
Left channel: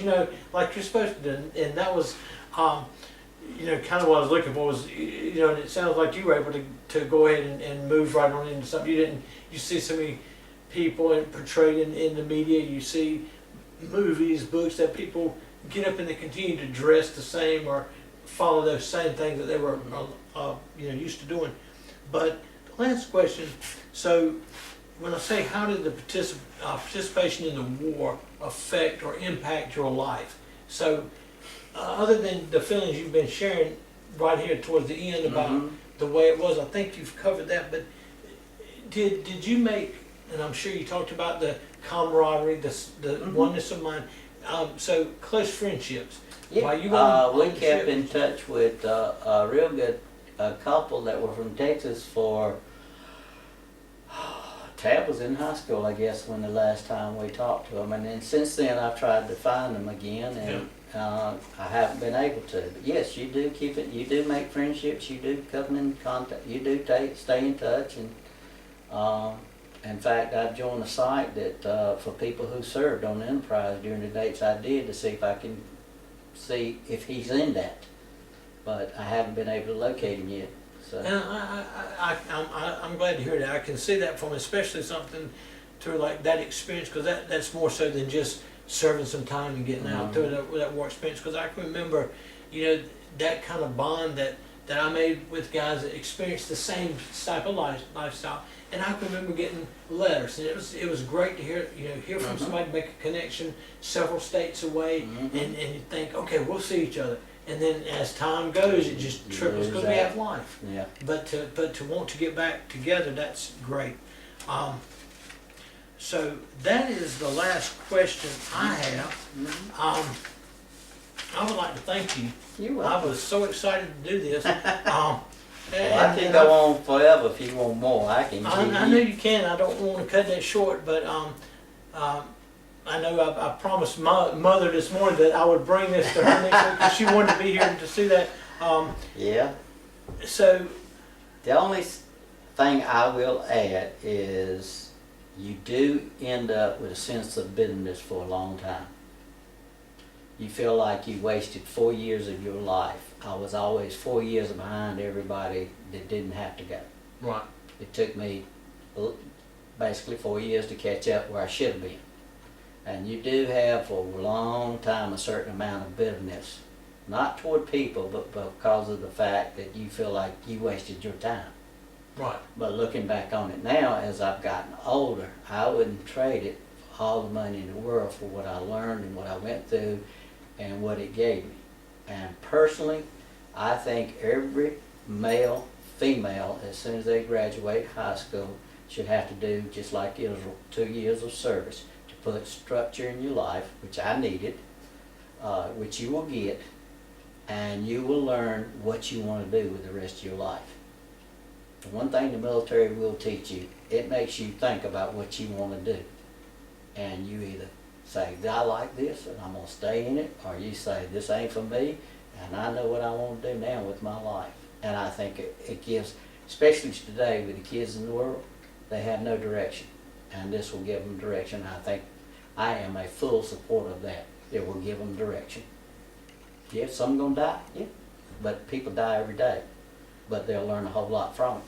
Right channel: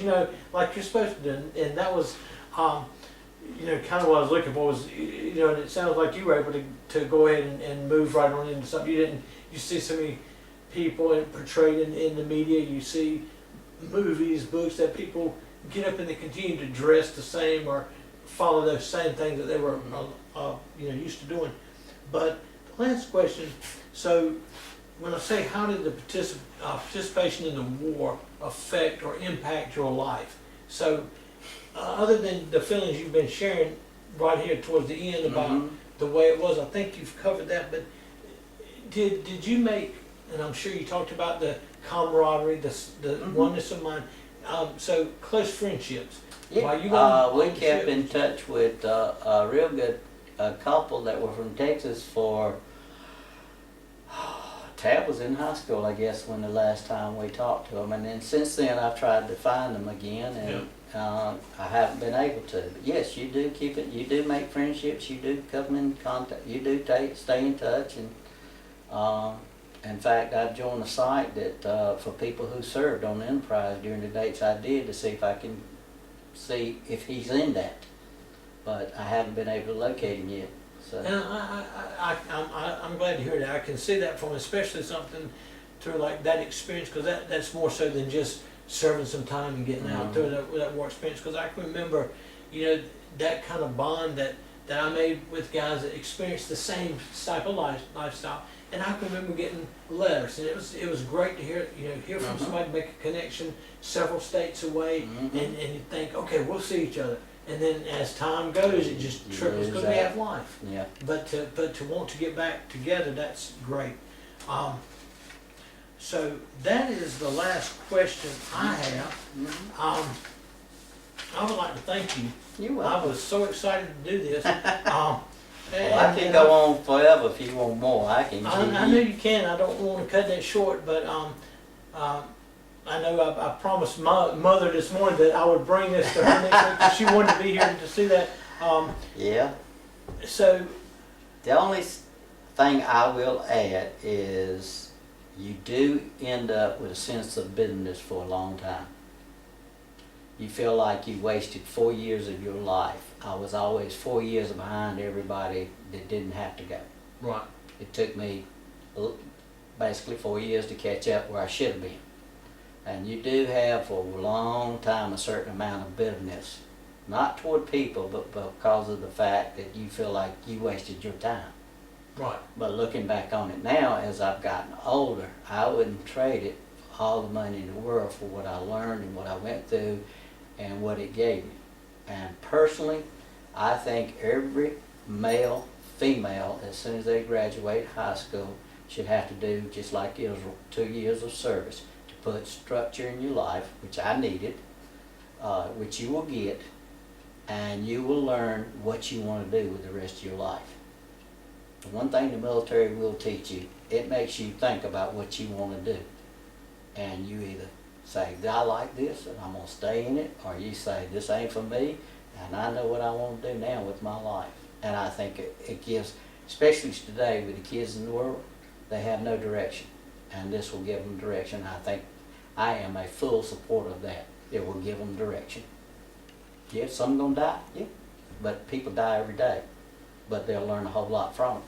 like you're supposed to do. And that was, kind of what I was looking for was, and it sounds like you were able to go ahead and move right on into something. You see so many people portrayed in the media, you see movies, books that people get up and they continue to dress the same or follow those same things that they were, used to doing. But the last question, so when I say how did the participation in the war affect or impact your life? So other than the feelings you've been sharing right here towards the end about the way it was, I think you've covered that, but did you make, and I'm sure you talked about the camaraderie, the oneness of mind, so close friendships. While you Yeah, were we on the kept ship- in touch with a real good couple that were from Texas for, Tab was in high school, I guess, when the last time we talked to them. And then since then, I've tried to find them again, and I haven't been able to. But yes, you do keep it, you do make friendships, you do come in contact, you do stay in touch. And in fact, I've joined a site that for people who served on the Enterprise during the dates I did to see if I can see if he's in that. But I haven't been able to locate him yet. So. And I'm glad to hear that. I can see that from especially something to like that experience, because that's more so than just serving some time and getting out through that war experience. Because I can remember, that kind of bond that I made with guys that experienced the same type of lifestyle. And I can remember getting letters, and it was great to hear from somebody, make a connection several states away, and you think, okay, we'll see each other. And then as time goes, it just triples because we have life. Yeah. But to want to get back together, that's great. So that is the last question I have. I would like to thank you. You're I welcome. was so excited to do this. Well, I can go on forever if you want more. I can. I know you can. I don't want to cut that short, but I know I promised my mother this morning that I would bring this to her next week because she wanted to be here to see that. Yeah. So The only thing I will add is you do end up with a sense of bitterness for a long time. You feel like you wasted 4 years of your life. I was always 4 years behind everybody that didn't have to go. right, It took me basically 4 years to catch up where I should have been. And you do have for a long time a certain amount of bitterness, not toward people, but because of the fact that you feel like you wasted your time. Right. But looking back on it now, as I've gotten older, I wouldn't trade it for all the money in the world for what I learned and what I went through and what it gave me. And personally, I think every male, female, as soon as they graduate high school, should have to do just like Israel, 2 years of service to put structure in your life, which I needed, which you will get, and you will learn what you want to do with the rest of your life. The one thing the military will teach you, it makes you think about what you want to do. And you either say, I like this and I'm going to stay in it, or you say, this ain't for me and I know what I want to do now with my life. And I think it gives, especially today with the kids in the world, they have no direction. And this will give them direction. I think I am a full supporter of that. It will give them direction. Yeah, some going to die, yeah. But people die every day. But they'll learn a whole lot from it.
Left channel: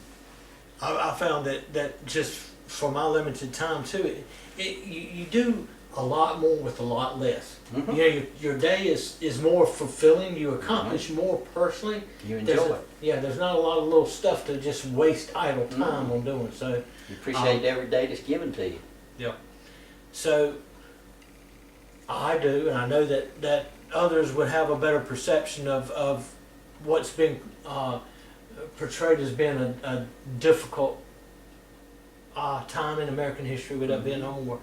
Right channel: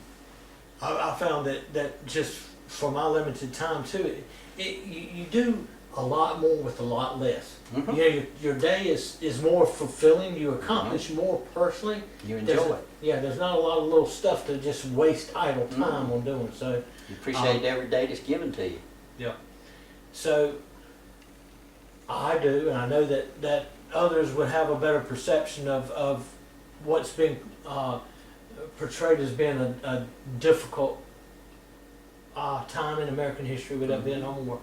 I found that just for my limited time too, you do a lot more with a lot less. Mm-hmm. You know, your day is more fulfilling. You accomplish more personally. You enjoy it. Yeah, there's not a lot of little stuff to just waste idle time on doing. So you appreciate every day that's given to you. Yeah. So I do, and I know that others would have a better perception of what's been portrayed as being a difficult time in American history with that Vietnam War.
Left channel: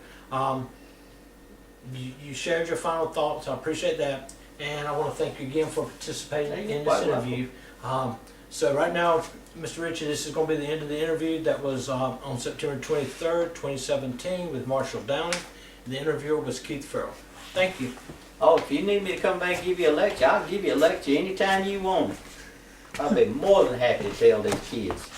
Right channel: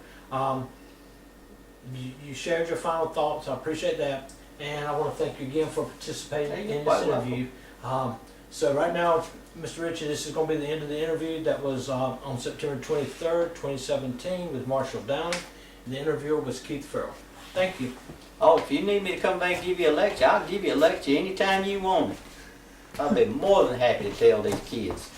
You shared your final thoughts. I appreciate that, and I want to thank you again for participating in this interview. So right now, Mr. Ritchie, this is going to be the end of the interview. That was on September 23rd, 2017 with Marshall Downey. The interviewer was Keith Farrell. Thank you. Oh, if you need me to come back and give you a lecture, I'll give you a lecture anytime you want it. I'll be more than happy to tell these kids.